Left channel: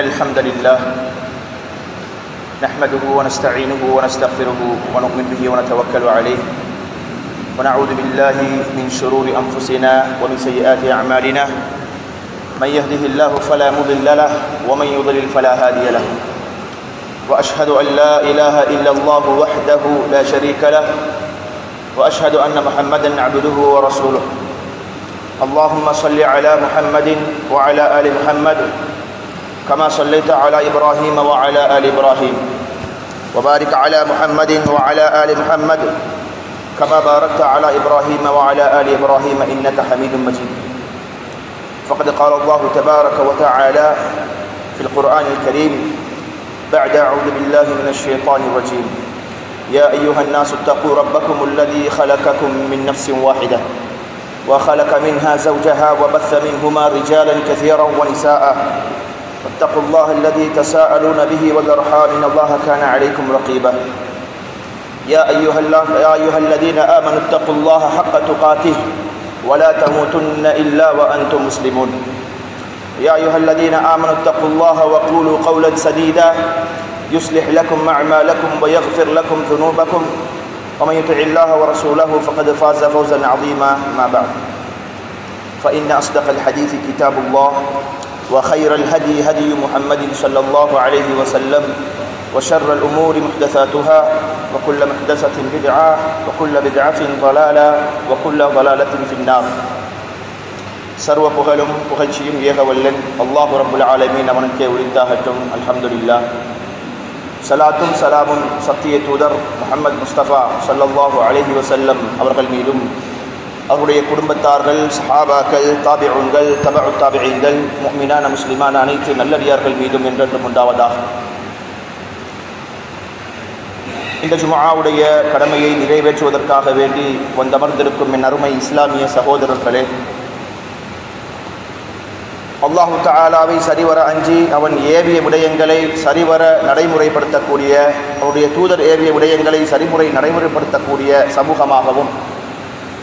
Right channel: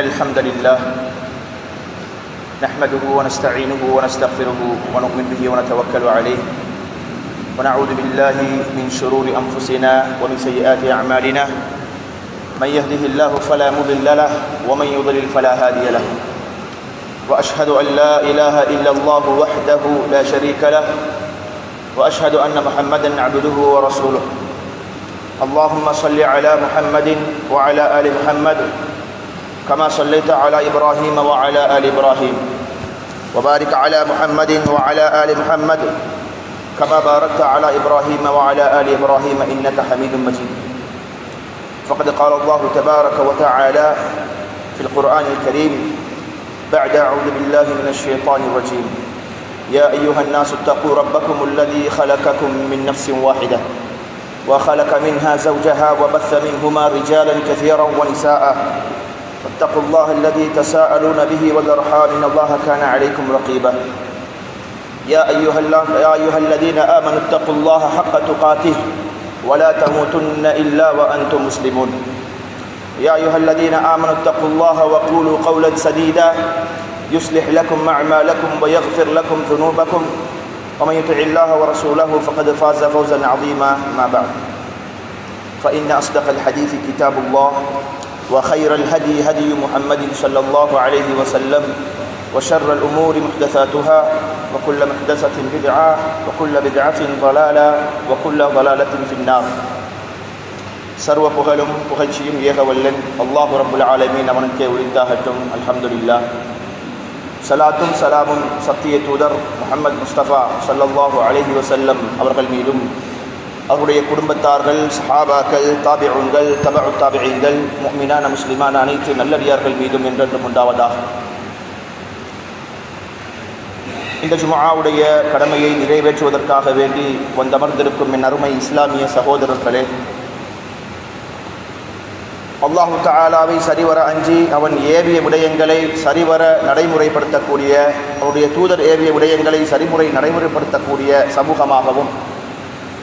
الحمد لله نحمده ونستعينه ونستغفره ونؤمن به ونتوكل عليه ونعوذ بالله من شرور أنفسنا ومن سيئات أعمالنا من يهده الله فلا مضل له ومن يضلل فلا هادي له وأشهد أن لا إله إلا الله وحده لا شريك له وأشهد أن محمدا عبده ورسوله اللهم صل على محمد وعلى آل محمد كما صليت على إبراهيم وعلى آل إبراهيم وبارك على محمد وعلى آل محمد كما باركت على إبراهيم وعلى آل إبراهيم إنك حميد مجيد فقد قال الله تبارك وتعالى في القرآن الكريم بعد أعوذ بالله من الشيطان الرجيم يا أيها الناس اتقوا ربكم الذي خلقكم من نفس واحدة وخلق منها زوجها وبث منهما رجالا كثيرا ونساء واتقوا الله الذي تساءلون به والأرحام إن الله كان عليكم رقيبا يا أيها الذين آمنوا اتقوا الله حق تقاته ولا تموتن إلا وأنتم مسلمون يا أيها الذين آمنوا اتقوا الله وقولوا قولا سديدا يصلح لكم أعمالكم ويغفر لكم ذنوبكم ومن يطع الله ورسوله فقد فاز فوزا عظيما ما بعد فإن أصدق الحديث كتاب الله وخير الهدي هدي محمد صلى الله عليه وسلم وشر الأمور محدثاتها وكل محدثة بدعة وكل بدعة ضلالة وكل ضلالة في النار சர்வ புகழும் புகழ்ச்சியும் ஏகவல்லன் அல்லாஹ் ரப்புல் ஆலமீன் அவனுக்கே உரித்தாகட்டும். அல்ஹம்துலில்லாஹ். சலாத்தும் சலாமும் சத்திய தூதர் முஹம்மது முஸ்தபா ஸல்லல்லாஹு அலைஹி வஸல்லம் அவர்கள் மீதும் அவருடைய குடும்பத்தார்கள், சஹாபாக்கள், தாபிஊன்கள், தபஉ தாபிஈன்கள், முஃமினான முஸ்லிமான அனைத்து நல்லடியார்கள் மீதும் என்றென்றும் உண்டாவதாக. இந்த ஜும்ஆவுடைய கடமையை நிறைவேற்றுவதற்காக வேண்டி வந்தமர்ந்திருக்கும் என் அருமை இஸ்லாமிய சகோதரர்களே, அல்லாஹு தஆலாவை சரிவர அஞ்சி அவன் ஏவிய விடயங்களை சரிவர நடைமுறைப்படுத்தக்கூடிய, அவருடைய தூதர் ஏவிய விடயங்களை நடைமுறைப்படுத்தக்கூடிய சமூகமாகவும்,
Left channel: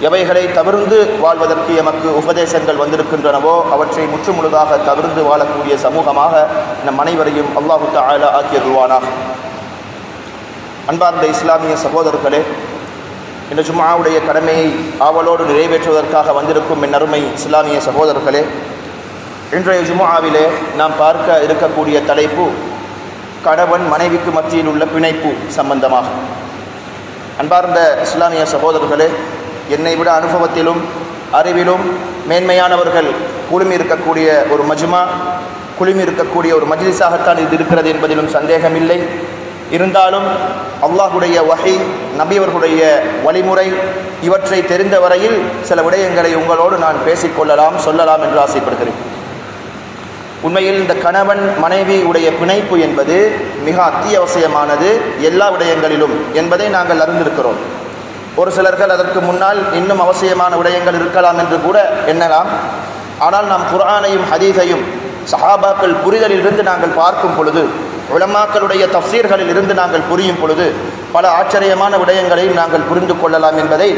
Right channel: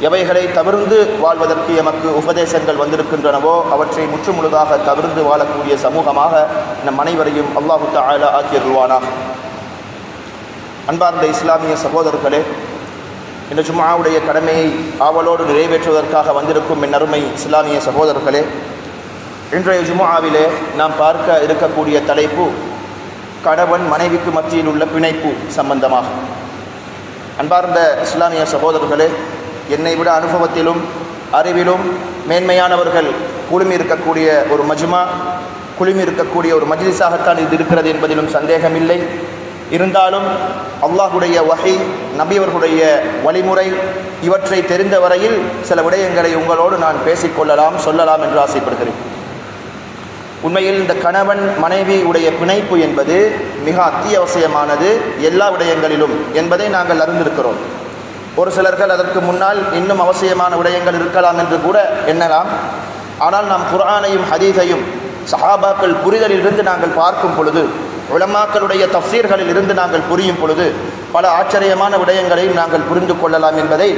எவைகளை தவிர்ந்து வாழ்வதற்கு எமக்கு உபதேசங்கள் வந்திருக்கின்றனவோ அவற்றை முற்றுமுழுதாக தவிர்ந்து வாழக்கூடிய சமூகமாக நம் அனைவரையும் அல்லாஹு தஆலா ஆக்கியருள்வானாக. அன்பார்ந்த இஸ்லாமிய சகோதரர்களே, இந்த ஜும்ஆவுடைய கடமையை ஆவலோடு நிறைவேற்றுவதற்காக வந்திருக்கும் என் அருமை இஸ்லாமிய சகோதரர்களே, இன்றைய ஜும்ஆவிலே நாம் பார்க்க இருக்கக்கூடிய தலைப்பு கணவன் மனைவிக்கு மத்தியில் உள்ள பிணைப்பு சம்பந்தமாக. அன்பார்ந்த இஸ்லாமிய சகோதரர்களே, என்னை விட அனுபவத்திலும் அறிவிலும் மேன்மையானவர்கள் குழுமி இருக்கக்கூடிய ஒரு மஜ்மா, குழுமி இருக்கக்கூடிய ஒரு மஜ்லிஸாகத்தான் இது இருக்கிறது என்பதிலும் சந்தேகமில்லை. இருந்தாலும் அல்லாஹுடைய வஹி, நபியவர்களுடைய வழிமுறை இவற்றை தெரிந்த வரையில் சில விடயங்களை உங்களோடு நான் பேசிக்கொள்ளலாம், சொல்லலாம் என்று ஆசைப்படுகிறேன். உண்மையில் இந்த கணவன் மனைவி உடைய பிணைப்பு என்பது மிக அத்தியாவசியமானது எல்லா விடயங்களிலும் என்பதை நாங்கள் அறிந்திருக்கிறோம். ஒரு சிலர்கள் அதற்கு முன்னால் இன்னும் அவசியமான விடயங்கள் இருக்கலாம் என்று கூட எண்ணலாம். ஆனால் நாம் குர்ஆனையும் ஹதீஸையும் சஹாபாக்கள் புரிதலில் இருந்து நாங்கள் பார்க்கும் பொழுது, உலமாக்களுடைய தஃசீர்களில் இருந்து நாங்கள் புரியும் பொழுது பல ஆச்சரியமான விடயங்களை நாங்கள் புரிந்து கொள்ளலாம் என்பதை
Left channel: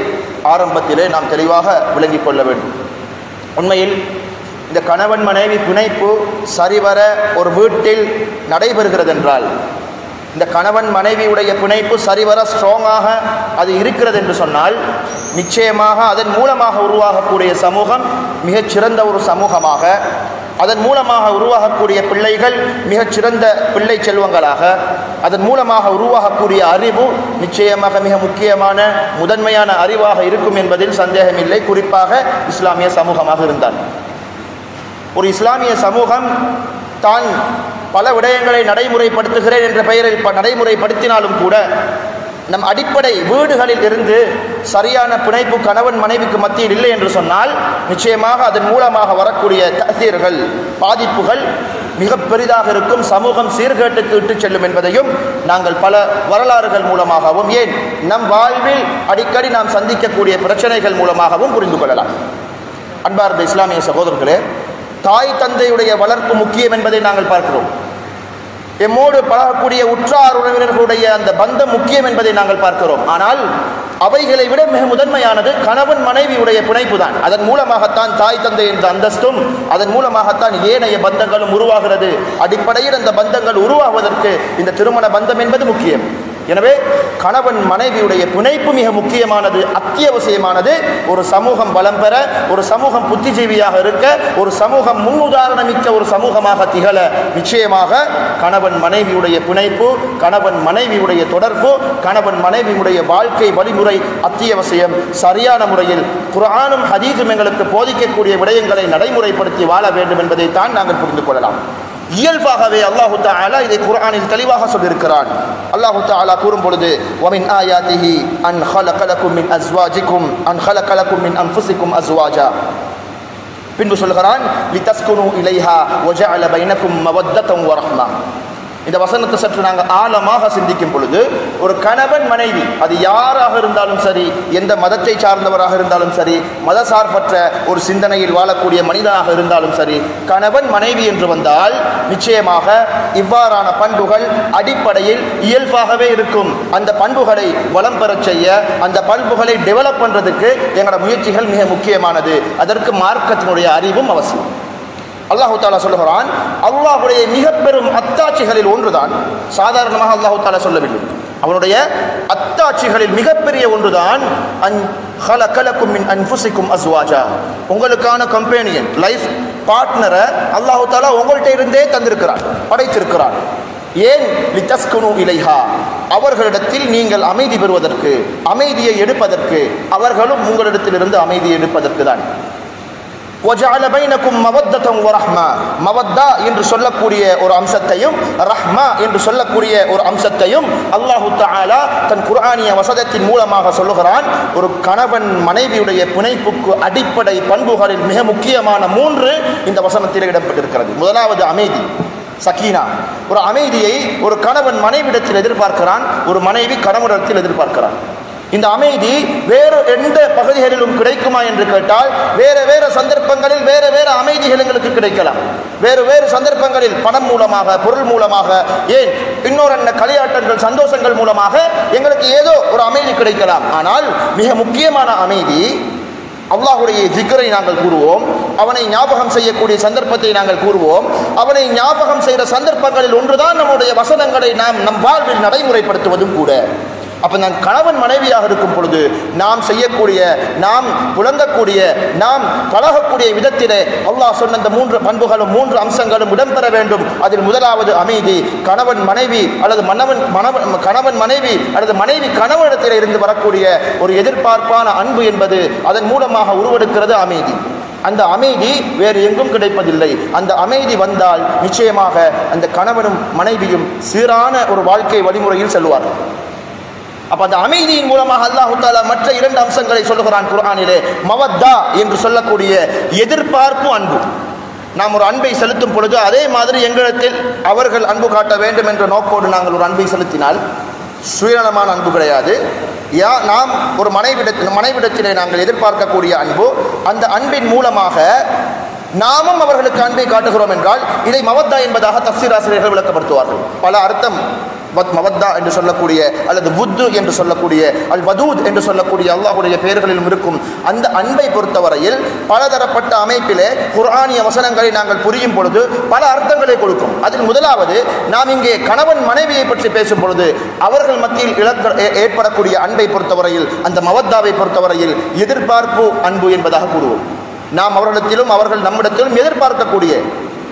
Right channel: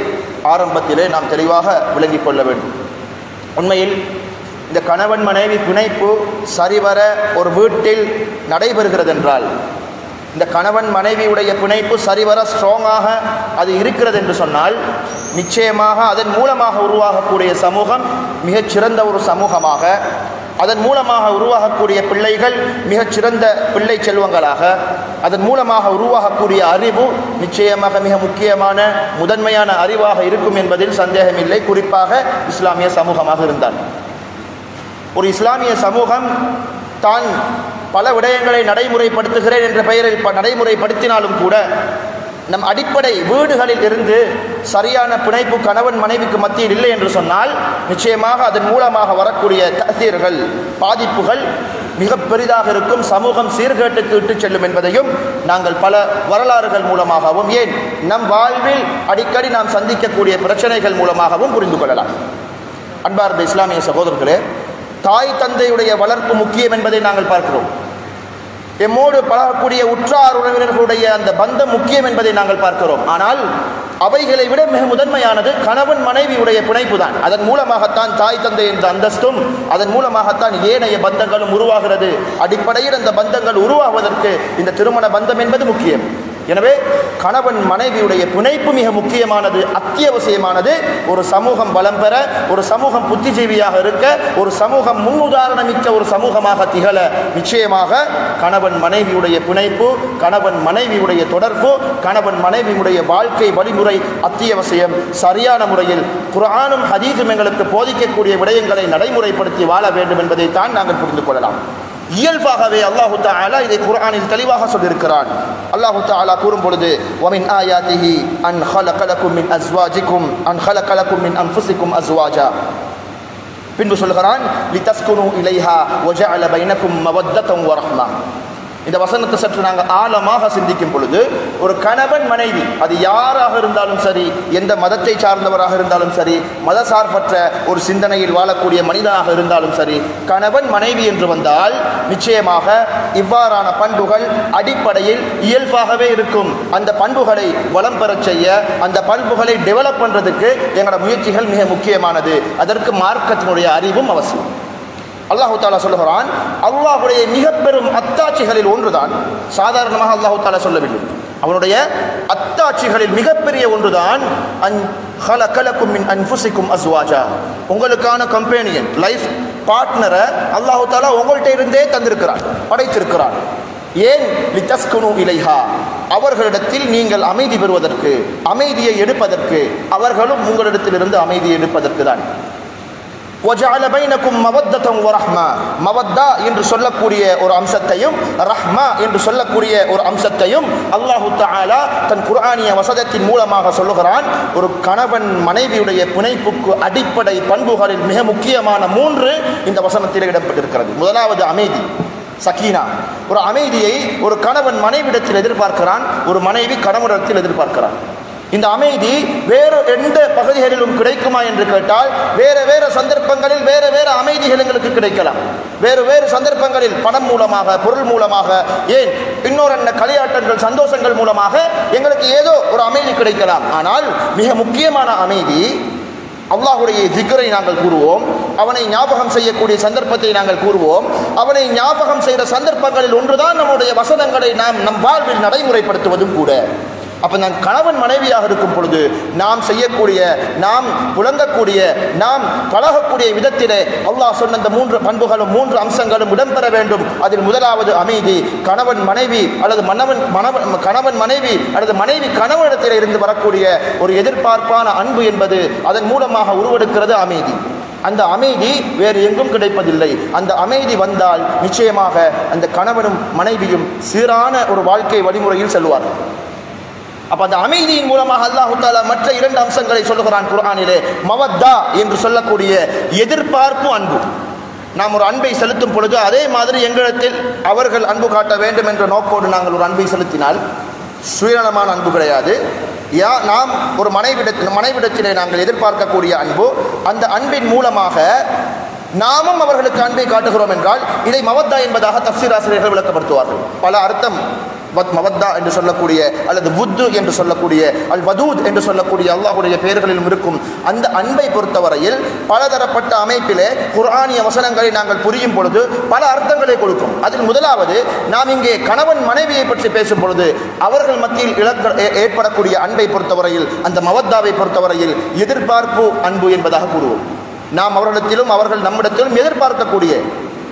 ஆரம்பத்திலே நாம் தெளிவாக விளங்கிக் கொள்ள வேண்டும். உண்மையில் இந்த கணவன் மனைவி பிணைப்பு சரிவர ஒரு வீட்டில் நடைபெறுகிறது என்றால், இந்த கணவன் மனைவியுடைய பிணைப்பு சரிவர ஸ்ட்ராங்காக அது இருக்கிறது என்று சொன்னால், நிச்சயமாக அதன் மூலமாக உருவாகக்கூடிய சமூகம் மிகச்சிறந்த ஒரு சமூகமாக, அதன் மூலமாக உருவாகக்கூடிய பிள்ளைகள் மிகச்சிறந்த பிள்ளை செல்வங்களாக, அதன் மூலமாக உருவாகக்கூடிய அறிவு நிச்சயமாக மிக முக்கியமான முதன்மையான அறிவாக இருக்கும் என்பதில் சந்தேகமில்லை. குறிப்பாக இஸ்லாமிய சமூகமாக இருந்தால், ஒரு இஸ்லாமிய சமூகம் தான் பல விடயங்களை நடைமுறைப்படுத்துகிறேன் என்ற பெயரில் நடைமுறைப்படுத்தினாலும் கூட நம் அடிப்படை வீடுகளில் இருந்து சரியான பிணைப்பு கணவன் மனைவிக்கு மத்தியில் இல்லை என்று சொன்னால், நிச்சயமாக அதன் மூலமாக வரக்கூடிய தஅசீர்கள், பாதிப்புகள் மிக பெரிதாக இருக்கும். சமூகம் சீர்கேட்டுக்கு இட்டு செல்லும் என்பதையும் நாங்கள் பல வரலாறுகள் மூலமாகவும், ஏன் நம் வாழ்வில் அடிக்கடி நாம் சந்திக்கக்கூடிய பிரச்சனைகள் மூலமாகவும் புரிந்து கொள்ளலாம். அன்பார்ந்த இஸ்லாமிய சகோதரர்களே, தாய் தந்தையுடைய வளர்ப்பு முக்கியம் என்பதை நாங்கள் பார்க்கிறோம். எம்மோடு பழகக்கூடிய உற்றார் உறவினர்களுடைய அந்த பந்தம் முக்கியம் என்பதை நாங்கள் பார்க்கிறோம். ஆனால் அவைகளை விட மிக முதன்மையானது கணவன் மனைவியுடைய பிணைப்பு தான். அதன் மூலமாகத்தான் தாய் தந்தை என்ற அந்தஸ்தும், அதன் மூலமாகத்தான் ஏனைய பந்தங்களும் உருவாகிறது. அடிப்படையில் அந்த பந்தங்கள் உருவாவதற்கு இந்த திருமண பந்தம் என்பது முக்கியம். எனவே கணவன் மனைவியுடைய பிணைப்பு மிக முக்கியமானது, அத்தியாவசியமானது. ஒரு சமூகம் வளம் பெற, ஒரு சமூகம் புத்திஜீவியாக இருக்க, ஒரு சமூகம் முன்னுதாரணமிக்க ஒரு சமூகமாக திகழ நிச்சயமாக கணவன் மனைவியுடைய பிணைப்பு, கணவன் மனைவியுடைய தொடர்பு, கணவன் மனைவியுடைய வாழ்க்கை வழிமுறை அத்தியாவசியம். சரியான முறையில் குர்ஆனும் ஹதீஸும் எங்களுக்கு போதிக்கக்கூடிய விடயங்களை நடைமுறைப்படுத்தி வாழ வேண்டும் என்பதைத்தான் நாங்கள் புரிந்து கொள்ளலாம். இயல்பாகவே அல்லாஹு தஆலா இதை குர்ஆனில் தெளிவாக சொல்லியிருக்கிறான். அல்லாஹு தஆலா கூறும் பொழுது வமின் ஆயாத்திஹி அன் خلق لكم من أزواجكم أن خلق لكم من أنفسكم أزواجا, பின்பு சொல்கிறான் லிதஸ்குனு இலைஹா வஜஅல பைனக்கும் மவத்தத்தன் வரஹ்மா. இந்த வசனத்தை சற்று நாங்கள் ஆழமாக சிந்திக்கும் பொழுது ஒரு கணவன் மனைவி, அது யாராக இருந்தாலும் சரி, எந்த மதத்தை சார்ந்தவராக இருந்தாலும் சரி, மத சார்பற்ற ஒரு சிந்தனையில் வாழக்கூடிய மனிதனாக இருந்தாலும் சரி, கணவன் மனைவி என்று வந்தால் நிச்சயமாக இவ்வாறான பண்புகள் அடிப்படையில் இயல்பாகவே இருக்கும். அந்த பண்புகளை வளம் பெறச் செய்ய, அந்த பண்புகளை டெவலப் பண்றதுக்கு எங்களோட முயற்சிகள் மிக முக்கியமானது. அதற்கு மார்க்கத்தினுடைய அறிவும் அவசியம். அல்லாஹு தஆலா சொல்லுகிறான், அல்லாஹ்வுடைய மிக பெரும் அத்தாட்சிகளில் ஒன்றுதான், சாதாரணமாக அல்லாஹு தஆலா சொல்லவில்லை, அவருடைய அத்தாட்சிகளில் மிகப்பெரிய ஒன்றுதான் அன் خلق لكم من أنفسكم أزواجا, உங்களுக்கான கம்பெனியன் லைஃப் பார்ட்னரை அல்லாஹு தஆலா உங்கள்கிட்ட இருந்தே தந்திருக்கிறார், படைத்திருக்கிறார். ஏன்? லிதஸ்குனு இலைஹா, அவர்களிடத்தில் நீங்கள் அமைதி பெறுவதற்கு, அமைதியை எடுப்பதற்கு, அவர்களும் உங்களிடத்திலிருந்து அமைதியை எடுப்பதற்கு தான். وَجَعَلَ بَيْنَكُمْ مَوَدَّةً وَرَحْمَةً, மவத்தா என்று சொல்லக்கூடிய ஒரு அம்சத்தையும் ரஹ்மா என்று சொல்லக்கூடிய ஒரு அம்சத்தையும் அல்லாஹு தஆலா தன் குர்ஆனிய வசனத்தின் மூலமாக சொல்லுகிறான். ஒரு கணவன் மனைவியுடைய பிணைப்புக்கு அடிப்படை பண்புகளில் மிக முக்கியமான 3 இந்த வசனத்தில் இடம்பெற்றிருக்கிறது. முதலாவது அமைதி, சக்கீனா. ஒரு அமைதியை ஒரு கணவன் மனைவியிடத்தில் எதிர்பார்க்கிறான், ஒரு மனைவி கணவனிடத்தில் எதிர்பார்க்கிறான். இந்த அமைதி வேறு எந்த பகுதிகளிலும் கிடைக்குமா என்று கேட்டால், வேற வேற சந்தர்ப்பங்களில் வேற வேற அமைதிகள் எங்களுக்கு கிடைக்கலாம். வேறு வேறு சந்தர்ப்பங்களில் பணம் மூலமாக, பொருள் மூலமாக, ஏன் இன்னொரு களியாட்டங்கள், சந்தோஷங்கள் மூலமாக எங்களுக்கு ஏதோ ஒரு அமைதி கிடைக்கலாம். ஆனால் மிக முக்கியமான அமைதி, அல்லாஹ்வுடைய திக்ரை நாங்கள் கூறுவோம், அவனை ஞாபகம் செய்யக்கூடிய சந்தர்ப்பத்தை நாங்கள் கூறுவோம். அவனை ஞாபகம் செய்கிற சந்தர்ப்பங்களில் ஒன்றுதான் நம்முடைய வசனங்களை நாம் நம் வாழ்வில் நடைமுறைப்படுத்துவதும் கூட. அப்ப நான் கணவன் மனைவியாக இருக்கும் பொழுது நாம் செய்யக்கூடிய, நாம் புலங்கக்கூடிய, நாம் பழகக்கூடிய விதத்திலே அல்லாஹ் சொன்ன இந்த 3 பண்புகளும் 3 அம்சங்களும் இடம்பெற வேண்டும். அதில் முதலாவது அமைதி. கணவன் மனைவி அல்லது கணவன் மனைவி அல்லது மனைவி கணவனிடத்தில் இருந்து வரக்கூடிய ஒரு எதிர்பார்ப்பான அன்பு என்பது அதன் மூலமாக உருவெடுக்கிறது அமைதி. அந்த அமைதி வேறு எங்கும் கிடைப்பதில்லை. அந்த அமைதி வந்தால் நிச்சயமாக அந்த கணவனும் மனைவியும் சீரான ஒரு வாழ்க்கை வழிமுறையில் செல்வார்கள். அப்ப அந்த அமைதியின் மூலமாக அல்லாஹ் தஆலா மற்ற 2 அம்சங்களை சொல்லுகிறான் குர்ஆனிலே. மவத்தா என்று சொல்லக்கூடிய எதிர்பார்ப்பு அன்பு. நாம் ஒரு அன்பை செலுத்தும் பொழுது அதே மாதிரி எங்களிடத்தில் அவர்கள் அன்பு காட்ட வேண்டும் என்ற நோக்கோடு நாங்கள் ஒரு அன்பை செலுத்தினால் சுயநலமான அன்பு கிடையாது. நாம் ஒரு மனைவிடத்திலே நாங்கள் எதிர்பார்க்கக்கூடிய அன்பு, அந்த அன்பின் மூலமாக நாமும் அவர்களுக்கு அன்பை காட்டுகிறோம் என்றால் இதை மவத்தா என்பதாக தஃசீர் ஆசிரியர்கள் விளக்கப்படுத்துவார்கள். பல அர்த்தம் மவத்தா என்று சொல்லக்கூடிய அல்லது வுத்து என்று சொல்லக்கூடிய அல் வதூத் என்று சொல்லக்கூடிய அல்லாஹ்வுடைய பெயர்களிலும் இருக்கும். அந்த அன்பை பொறுத்தவரையில் பலதரப்பட்ட அமைப்பிலே குர்ஆனிய வசனங்களை நாங்கள் புரியும் பொழுது பல அர்த்தங்களை கொடுக்கும். அதில் முதலாவது, நாம் இங்கே கணவன் மனைவியை பற்றி பேசும் பொழுது அவர்கள் மத்தியில் ஏற்படக்கூடிய அன்பை பொறுத்தவரையில், அந்த மவத்தாவை பொறுத்தவரையில் எதிர்பார்ப்பு அன்பு என்பதாக கூறுவோம். நாம் அவர்களிடத்திலும் அவர்கள் நம்மிடத்திலும் எதிர்பார்க்கக்கூடிய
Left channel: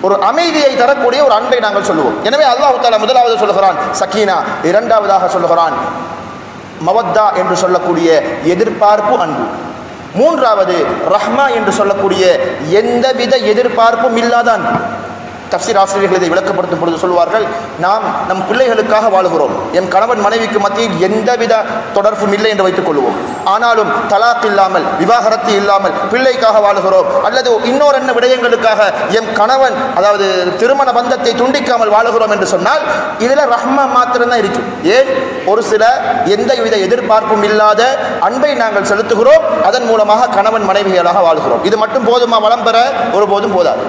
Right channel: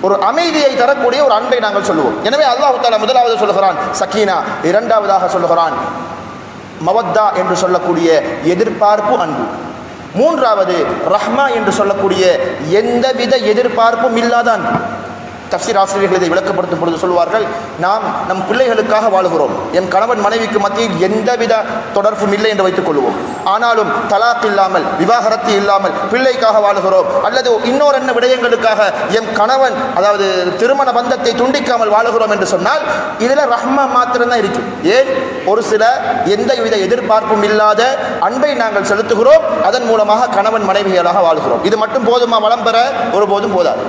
ஒரு அமைதியை தரக்கூடிய ஒரு அன்பை நாங்கள் சொல்லுவோம். எனவே அல்லாஹ் தஆலா முதலாவது சொல்லுகிறான் சக்கீனா, இரண்டாவதாக சொல்லுகிறான் மவத்தா என்று சொல்லக்கூடிய எதிர்பார்ப்பு அன்பு, மூன்றாவது ரஹ்மா என்று சொல்லக்கூடிய எந்தவித எதிர்பார்ப்பும் இல்லாத அன்பு. தஃசீர் ஆசிரியர்கள் இதை விளக்கப்படுத்தும் பொழுது சொல்வார்கள், நாம் நம் பிள்ளைகளுக்காக வாழுகிறோம், என் கணவன் மனைவிக்கு மத்தியில் எந்தவித தொடர்பும் இல்லை என்று வைத்துக் கொள்வோம். ஆனாலும் தலாக் இல்லாமல், விவாகரத்து இல்லாமல் பிள்ளைக்காக வாழுகிறோம், அல்லது இன்னொரு என்ன விடயங்களுக்காக என் கணவன், அதாவது திருமண பந்தத்தை துண்டிக்காமல் வாழுகிறோம் என்று சொன்னால் இதுல ரஹ்மா மாத்திரம்தான் இருக்கு. ஏன்? ஒரு சில எந்தவித எதிர்பார்ப்பும் இல்லாத அன்பை நாங்கள் செலுத்துகிறோம், அதன் மூலமாக கணவன் மனைவிகளாக வாழ்கிறோம். இது மட்டும் போதுமா? வளம் பெற ஒருபோதும் போதாது.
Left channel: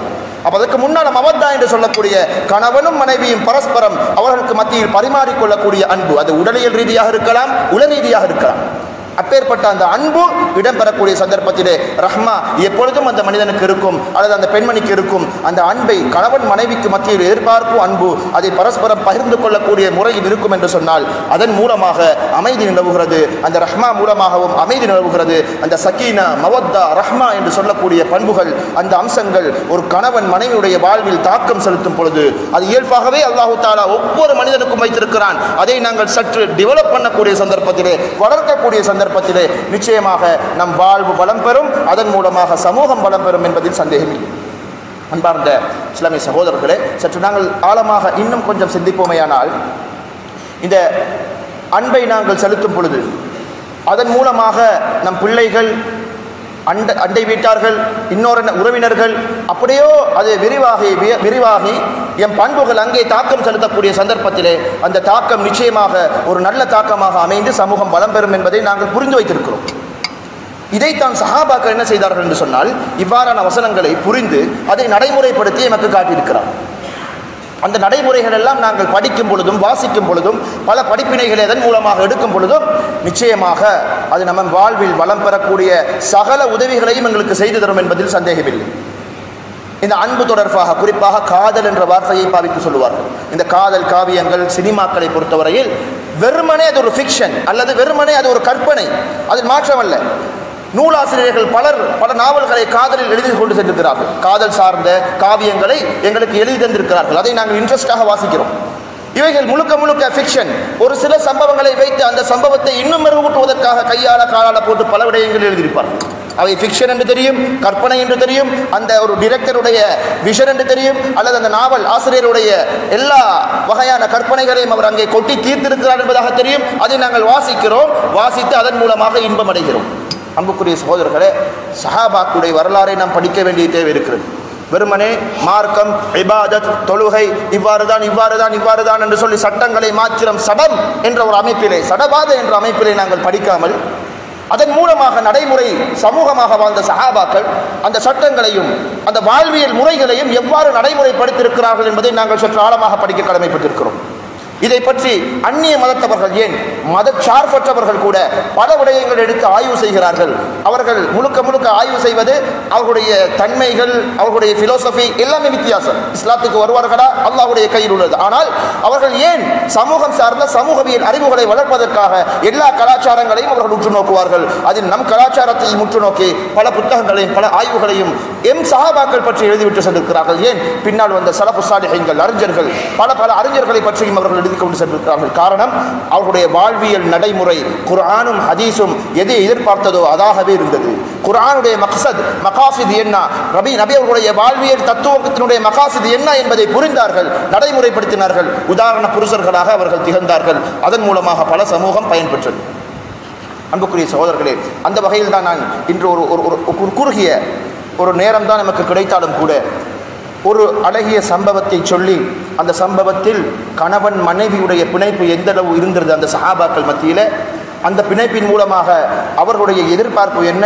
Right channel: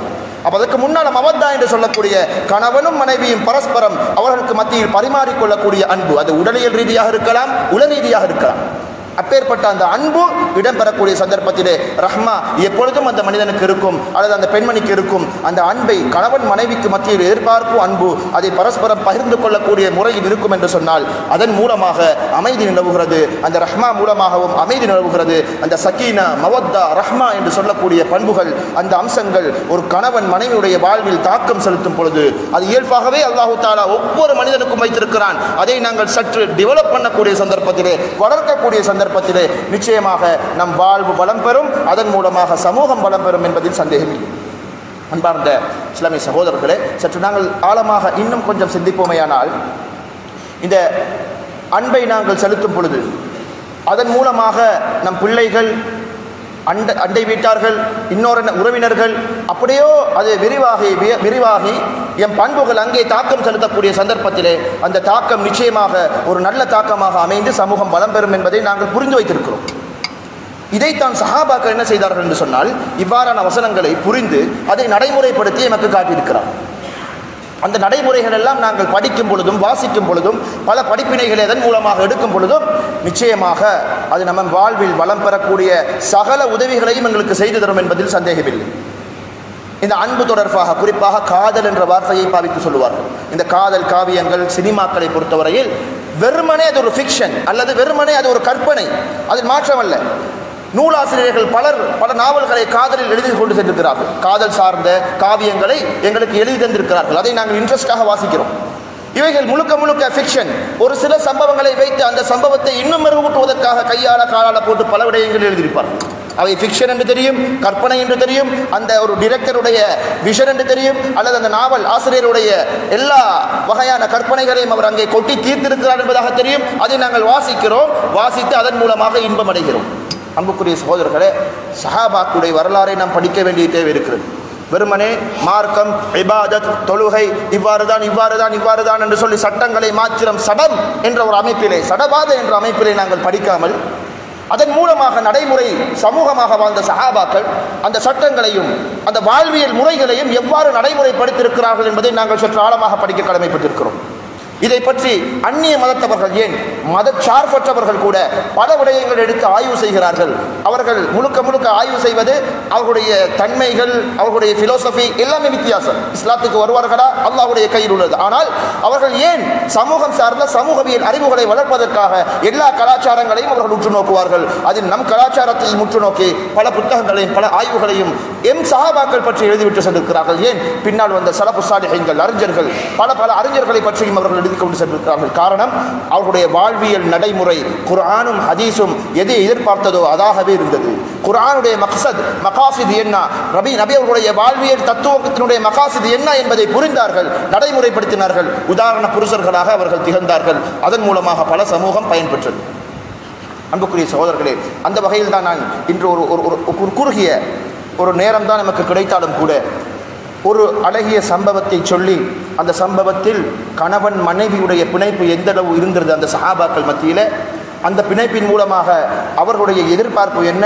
அப்ப அதற்கு முன்னால் மவத்தா என்று சொல்லக்கூடிய கணவனும் மனைவியும் பரஸ்பரம் அவர்களுக்கு மத்தியில் பரிமாறிக்கொள்ளக்கூடிய அன்பு, அது உடலியல் ரீதியாக இருக்கலாம், உள ரீதியாக இருக்கலாம். அப்பேற்பட்ட அந்த அன்பு இடம்பெறக்கூடிய சந்தர்ப்பத்திலே ரஹ்மா எப்பொழுதும் அந்த மனிதனுக்கு இருக்கும், அல்லது அந்த பெண்மணிக்கு இருக்கும். அந்த அன்பை கணவன் மனைவிக்கு மத்தியில் எதிர்பார்ப்பு அன்பு அதை பரஸ்பரம் பகிர்ந்து கொள்ளக்கூடிய முறையில் இருக்கும் என்று சொன்னால் அதன் மூலமாக அமைதி நிலவுகிறது. அந்த ரஹ்மா மூலமாகவும் அமைதி நிலவுகிறது. அந்த சக்கீனா, மவத்தா, ரஹ்மா என்று சொல்லக்கூடிய பண்புகள், அந்த அம்சங்கள் ஒரு கணவன் மனைவியுடைய வாழ்வில் தாக்கம் செலுத்தும் பொழுது அது இயல்பாகவே அல்லாஹ் தஆலா ஒவ்வொரு மனிதனுக்கும் வைத்திருக்கிறான். அதை நாங்கள் சற்று டெவலப் பண்ணக்கூடிய சந்தர்ப்பத்திலே, வளர்க்கக்கூடிய சந்தர்ப்பத்திலே நிச்சயமாக நம் வாழ்வு வளம் பெறும், அதன் மூலமாக சமூகம் வளம் பெறும் என்பதில் சந்தேகமில்லை. அன்பார்ந்த இஸ்லாமிய சகோதரர்களே, சற்று நாங்கள் ஆழமாக இன்னும் கொஞ்சம் சிந்திப்போமேயானால், இந்த அன்பை நாங்கள் செலுத்தும் பொழுது அதன் மூலமாக நம் பிள்ளைகள், அண்டை வீட்டார்கள், இன்னொரு உறவினர்கள், அப்படியோ அது விரிவாகி எம் பண்புகள் அங்கே தாக்கம் செலுத்தக்கூடிய சந்தர்ப்பத்திலே அந்த தாக்கம் நிச்சயமாக ஒரு நல்ல தாக்கமாக அமைந்து சமூகம் பலம் பெறும் என்பதை நாங்கள் புரிந்து வைத்திருக்கிறோம். இதைத்தான் சஹாபாக்கள் என்ன செய்தார்கள் என்று சொன்னால், இவ்வாறான வசனங்களை புரிந்து அதை நடைமுறைப்படுத்தி எமக்கு காட்டியிருக்கிறார். அந்த நடைமுறைகள் எல்லாம் நாங்கள் படிக்கும் பொழுதும் வாசிக்கும் பொழுதும் பல படிப்பினைகளை அதன் மூலமாக எடுக்கும் பொழுதும் நிச்சயமாக அது நம்ம வாழ்வில் வளம் பெறக்கூடிய சகல உதவிகளையும் எங்களுக்கு செய்து தரும் என்பதில் சந்தேகமில்லை. இந்த அன்பு தொடர்பாக குறிப்பாக காதல் என்ற வார்த்தையை பாவித்து சொல்லுவார்கள். இந்த காதல் காவியங்கள், சினிமாக்களை பொறுத்தவரையில் வெறுமனே அது ஒரு ஃபிக்ஷன் அல்லது வெறுமனே அது ஒரு கற்பனை, அது மாற்றமல்ல. நூலாசிரியர்கள் பல நாவல்களை காதலில் எழுதி கொண்டு சென்றிருக்கிறார்கள். காதல் சார்ந்த காவியங்களை எங்களுக்கு எழுதி தந்திருக்கிறார்கள். அதை நாங்கள் இன்ட்ரெஸ்டாக வாசிக்கிறோம். இவைகள் முழுக்க முழுக்க ஃபிக்ஷன். ஒரு சில சம்பவங்களை வைத்து அந்த சம்பவத்தை இன்னும் மெருகூட்டுவதற்காக கையாள காலால போட்டு பல விடயங்கள் எழுதியிருப்பார்கள். அவை ஃபிக்ஷன் என்று தெரியும், கற்பனை என்று தெரியும், அந்த ஒரு டிரெக்டருடைய விஷன் என்று தெரியும், அல்லது அந்த நாவல் ஆசிரியருடைய எல்லா வகையான கற்பனைகளையும் அவர் அங்கே கொட்டி தீர்த்திருக்கிறார் என்பதாக தெரியும். அதை நாங்கள் வாசிக்கிறோம். வாசித்து அதன் மூலமாக இன்பம் அடைகிறோம். அன்புக்குரிய சகோதரர்களே, சஹாபாக்களுடைய வரலாறை நாம் படிக்க வேண்டிய தேவை இருக்கிறது. வெறுமனே மார்க்கம், இபாதத், தொழுகை இவ்வாறுதான் என்று சொல்லி சட்டங்களை மாத்திரம் சடம் என்ற ஒரு அமைப்பிலே, சடபாத என்ற அமைப்பிலே நாங்கள் படிக்காமல் அதன் மூலமாக நடைமுறை சமூகமாக வாழ்ந்த சஹாபாக்கள் அந்த சட்டங்களையும் அந்த வாழ்வியல் முறைகளையும் எவ்வாறு நடைமுறைப்படுத்தியிருக்கிறார்கள் என்பதை நாங்கள் சற்று ஆழமாக படிக்க கடமைப்பட்டிருக்கிறோம். இதை பற்றி அந்நிய மதத்தவர்கள், ஏன் மதச்சார்பற்றவர்கள் கூட பல விடயங்கள் எடுத்து ஆய்வு செய்கிறார்கள். அவர்கள் முழுக்க ஆய்வு செய்வது அவர்களுடைய தன்மைகள், அவர்களுடைய பிலோசபி எல்லாமே வித்தியாசம். இஸ்லாத்துக்கு வருவார்களா அல்லாஹ்வுடைய கையில் உள்ளது. ஆனால் அவர்கள் ஏன் சமூகம் சார்ந்த சமூகவியல் அறிவுகளை வளர்ப்பதற்காக எல்லா கலாச்சாரங்களையும் அவர்கள் உற்று நோக்குவார்கள். அதில் நம் கலாச்சாரத்தை முற்று நோக்கி பல புத்தகங்களையும் பல ஆய்வுகளையும் சஹாபாக்கள் பற்றி எழுதிவிட்டு சென்றிருக்கிறார்கள். ஏன் பின்னால் வந்த ஸலஃபு ஸாலிஹீன்கள், அறிஞர்கள், பல அறிஞர்களை பற்றியும் அவர்கள் கொண்டு சென்றிருக்கிறார்கள். காரணம், அவருடைய வாழ்வியல் நடைமுறை குர்ஆனும் ஹதீஸும் எதை எதிர்பார்த்ததோ அதாகவே இருந்தது. குர்ஆனுடைய மகாசித் என்ன, நபி அவர்களுடைய வாழ்வியல் தத்துவத்தினுடைய மகாசித் என்ன என்பதை புரிந்தார்கள், நடைமுறைப்படுத்தினார்கள். உதாரண புருஷர்களாக அவர்கள் திகழ்ந்தார்கள். அதன் மூலமாக பல சமூகம் பயன்பெற்றது. அன்புக்குரிய சகோதரர்களே, அந்த வகையில் தான் நான் இன்று ஒரு குறுகிய ஒரு நேரம் தான் நமக்கு கிடைத்தாலும் கூட ஒரு அழகிய சம்பவத்தை சொல்லி, அந்த சம்பவத்தில் கணவன் மனைவியுடைய பிணைப்பு எந்த அளவு இருந்தது அந்த சஹாபாக்கள் மத்தியில், அந்த பிணைப்பின் மூலமாக அவர்களுடைய எதிர்பார்ப்பு என்ன,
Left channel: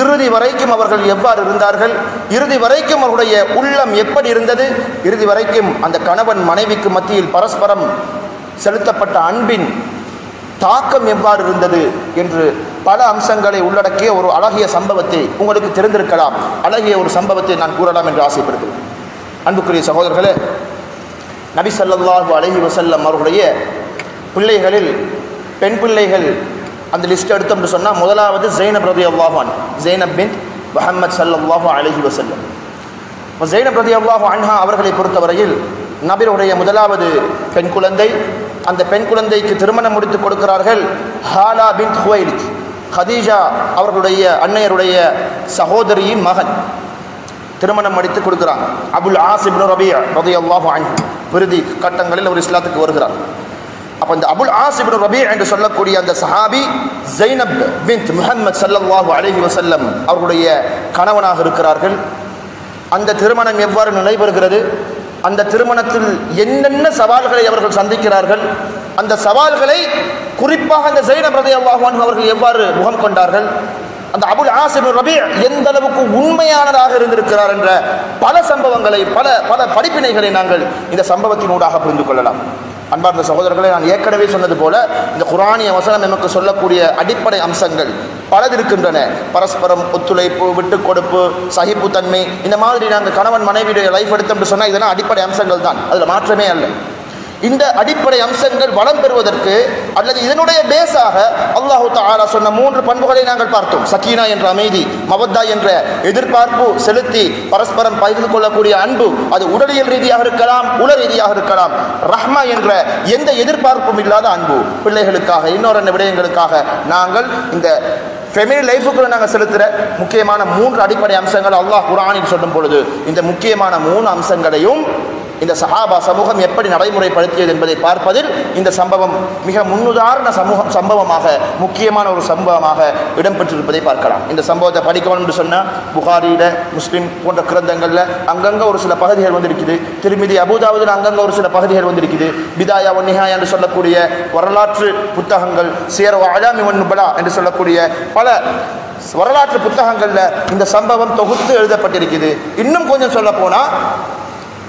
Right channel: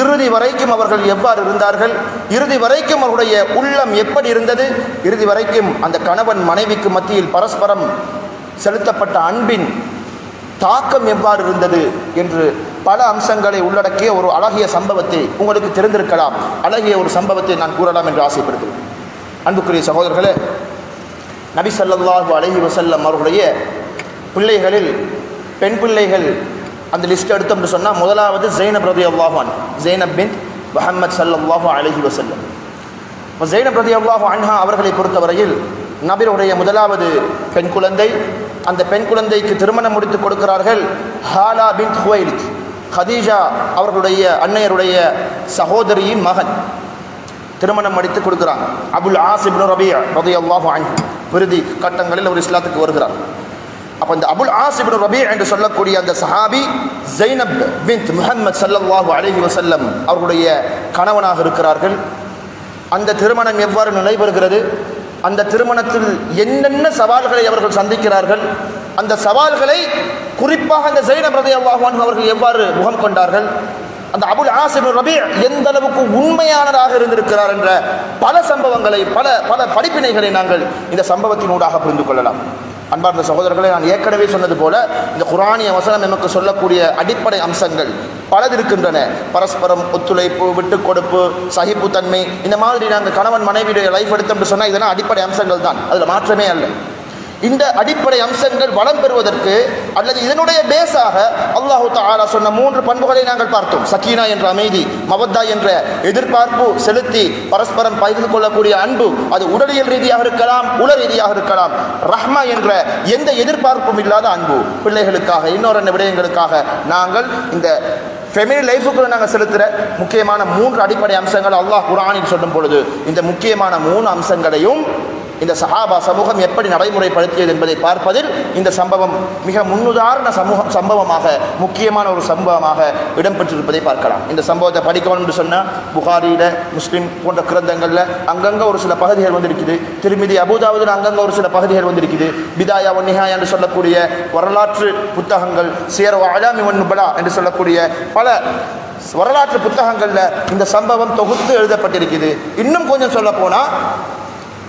இறுதி வரைக்கும் அவர்கள் எவ்வாறு இருந்தார்கள், இறுதி வரைக்கும் அவருடைய உள்ளம் எப்படி இருந்தது, இறுதி வரைக்கும் அந்த கணவன் மனைவிக்கு மத்தியில் பரஸ்பரம் செலுத்தப்பட்ட அன்பின் தாக்கம் எவ்வாறு இருந்தது என்று பல அம்சங்களை உள்ளடக்கிய ஒரு அழகிய சம்பவத்தை உங்களுக்கு தெரிந்திருக்கலாம். அழகிய ஒரு சம்பவத்தை நான் கூறலாம் என்று ஆசைப்படுகிறேன். அன்புக்குரிய சகோதரர்களே, நபி ஸல்லல்லாஹு அலைஹி வஸல்லம் அவர்களுடைய பிள்ளைகளில் பெண் பிள்ளைகள் அந்த லிஸ்ட் எடுத்தோம் என்று சொன்னால், முதலாவது ஜைனப் ரலியல்லாஹு அன்ஹா, ஜைனப் பின்த் முஹம்மத் ஸல்லல்லாஹு அலைஹி வஸல்லம். ஜைனப் ரலியல்லாஹு அன்ஹா அவர்களை பொறுத்தவரையில் நபியுடைய முதலாவது பெண் குழந்தை. அந்த பெண் குழந்தைக்கு திருமணம் முடித்து கொடுக்கிறார்கள் ஹாலா பின்த் ஹுவைலித், ஹதீஜா அவர்களுடைய அன்னையருடைய சகோதரியின் மகன். திருமணம் முடித்து கொடுக்கிறாங்க. அபுல் ஆஸ் இப்னு ரபீஅ ரலியல்லாஹு அன்ஹு விருதி கட்டங்களில் ஒரு இஸ்லாத்துக்கு வருகிறார். அப்ப இந்த அபுல் ஆஸ் இப்னு ரபீஅ என்று சொல்லக்கூடிய அந்த சஹாபி ஜைனப் பின்த் முஹம்மத் ஸல்லல்லாஹு அலைஹி வஸல்லம் அவர்களுடைய கணவனாக இருக்கிறார்கள். அந்த திருமணம் எவ்வாறு நடைபெறுகிறது, அந்த திருமணத்தில் என்னென்ன சவால்களை அவர்கள் சந்திக்கிறார்கள், அந்த சவால்களை குறிப்பாக அந்த ஜைனப் ரலியல்லாஹு அன்ஹு அவர்கள் எவ்வாறு முகம் கொண்டார்கள், அந்த அபுல் ஆஸ் இப்னு ரபீஅ எந்த அளவுக்கு உண்மையானதாக இருந்திருக்கிறார் என்ற பல சம்பவங்களை பல படிப்பினைகளை நாங்கள் இந்த சம்பவத்தினூடாக புரிந்து கொள்ளலாம். அன்பார்ந்த சகோதரர்களை, நான் ஏற்கனவே சொன்னது போல இந்த குர்ஆனிய வசனம் நமக்கு சொல்லக்கூடிய அடிப்படை அம்சங்கள் பலது இருக்கின்றன. பரஸ்பரம் ஒத்துழைப்பு, விட்டு கொடுப்பு, சகிப்புத்தன்மை, இந்த மாதிரி நாங்கள் கணவன் மனைவியுடைய லைஃப் எடுத்தோம்னு சொன்னால் இதெல்லாம் அடிப்படை அம்சங்கள் தான், அதில் மாற்றமே அல்ல. இந்த அடிப்படை அம்சங்கள் வளம் பெறுவதற்கு அல்லது இதனுடைய பேஸாக அல்லாஹு தஆலா சொன்ன 3 பண்புகளை நாங்கள் பார்த்தோம். சக்கீனா என்ற அமைதி, மவத்தா என்ற எதிர்பார்ப்பு செலுத்தி பரஸ்பரம் பகிர்ந்து கொள்ளக்கூடிய அன்பு, அது உடலியல் ரீதியாக இருக்கலாம், உள ரீதியாக இருக்கலாம். ரஹ்மா என்ற எந்த எதிர்பார்ப்பும் இல்லாத அன்பு, பிள்ளைகளுக்காக இன்னொரு விடயங்களுக்காக நாங்கள் இந்த ஃபேமிலி லைஃபுக்குள்ள நாங்கள் செலுத்துகிற முக்கியமான 3 அடிப்படை அம்சங்கள் அல்லாஹ் குர்ஆனில் சொல்லும் பொழுது இந்த முக்கியமான 3 அம்சங்களையும் இந்த சஹாபா சமூகம் எப்படி நடைமுறைப்படுத்தியது என்பதை பார்ப்பதில் இந்த சம்பவம் மிக முன்னுதாரண சம்பவமாக முக்கியமான ஒரு சம்பவமாக இடம்பெற்றிருப்பதை பார்க்கலாம். இந்த சம்பவத்தை படிக்கணும் என்று சொன்னால் புகாரியில, முஸ்லிம் போன்ற கிரந்தங்கள்ல அங்கங்க ஒரு சில பகுதிகள் வந்திருக்குது. திருமிதி அபூதாவுதில் அங்கங்க ஒரு சில பகுதிகள் வந்திருக்குது. பிதாயா வ நிஹாயா என்று சொல்லக்கூடிய வரலாற்று புத்தகங்கள், சியர் வ அலாமி வன் நுபலா என்று சொல்லக்கூடிய பல வரலாற்று புத்தகங்கள்ல இந்த சம்பவம் தொகுத்து எழுதப்பட்டிருக்குது. இன்னும் கொஞ்சம் சொல்ல போனா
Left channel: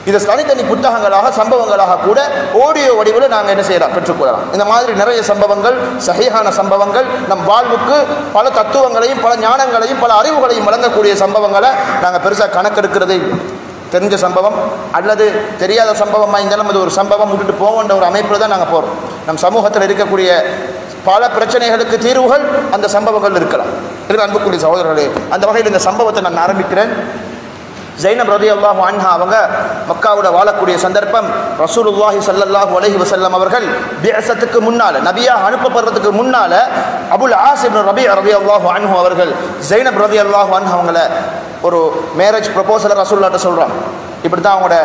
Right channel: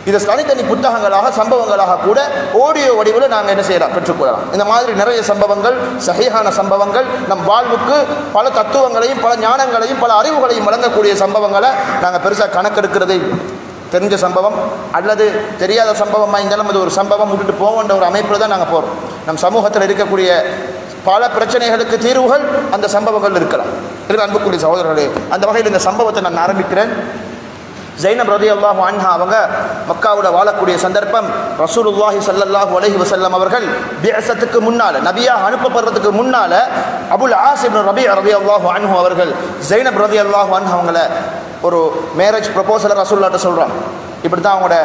இது தனித்தனி புத்தகங்களாக, சம்பவங்களாக கூட ஆடியோ வடிவில் நாங்கள் என்ன செய்யலாம், பெற்றுக்கொள்ளலாம். இந்த மாதிரி நிறைய சம்பவங்கள், சஹீஹான சம்பவங்கள், நம் வாழ்வுக்கு பல தத்துவங்களையும் பல ஞானங்களையும் பல அறிவுகளையும் வழங்கக்கூடிய சம்பவங்களை நாங்கள் பெருசாக கணக்கெடுக்கிறதே. தெரிஞ்ச சம்பவம் அல்லது தெரியாத சம்பவமாக இருந்தாலும் அது ஒரு சம்பவம் விட்டுட்டு போகின்ற ஒரு அமைப்பில் தான் நாங்கள் போகிறோம். நம் சமூகத்தில் இருக்கக்கூடிய பல பிரச்சனைகளுக்கு தீர்வுகள் அந்த சம்பவங்கள் இருக்கலாம். அன்புக்குரிய சகோதரர்களே, அந்த வகையில் இந்த சம்பவத்தை நான் ஆரம்பிக்கிறேன். ஜைனப் ரலியல்லாஹு அன்ஹா அவங்க மக்காவுல வாழக்கூடிய சந்தர்ப்பம். ரசூலுல்லாஹி ஸல்லல்லாஹு அலைஹி வஸல்லம் அவர்கள் பிஅஸத்துக்கு முன்னால, நபியாக அனுப்பப்படுறதுக்கு முன்னால அபுல் ஆஸ் இப்னு ரபீஅ ரலியல்லாஹு அன்ஹு அவர்கள் ஜைனப் ரலியல்லாஹு அன்ஹா அவங்கள ஒரு மேரேஜ் ப்ரொபோசலை ரசூலுல்லாஹ்ட்ட சொல்றாங்க. இப்படி தான் அவங்களோட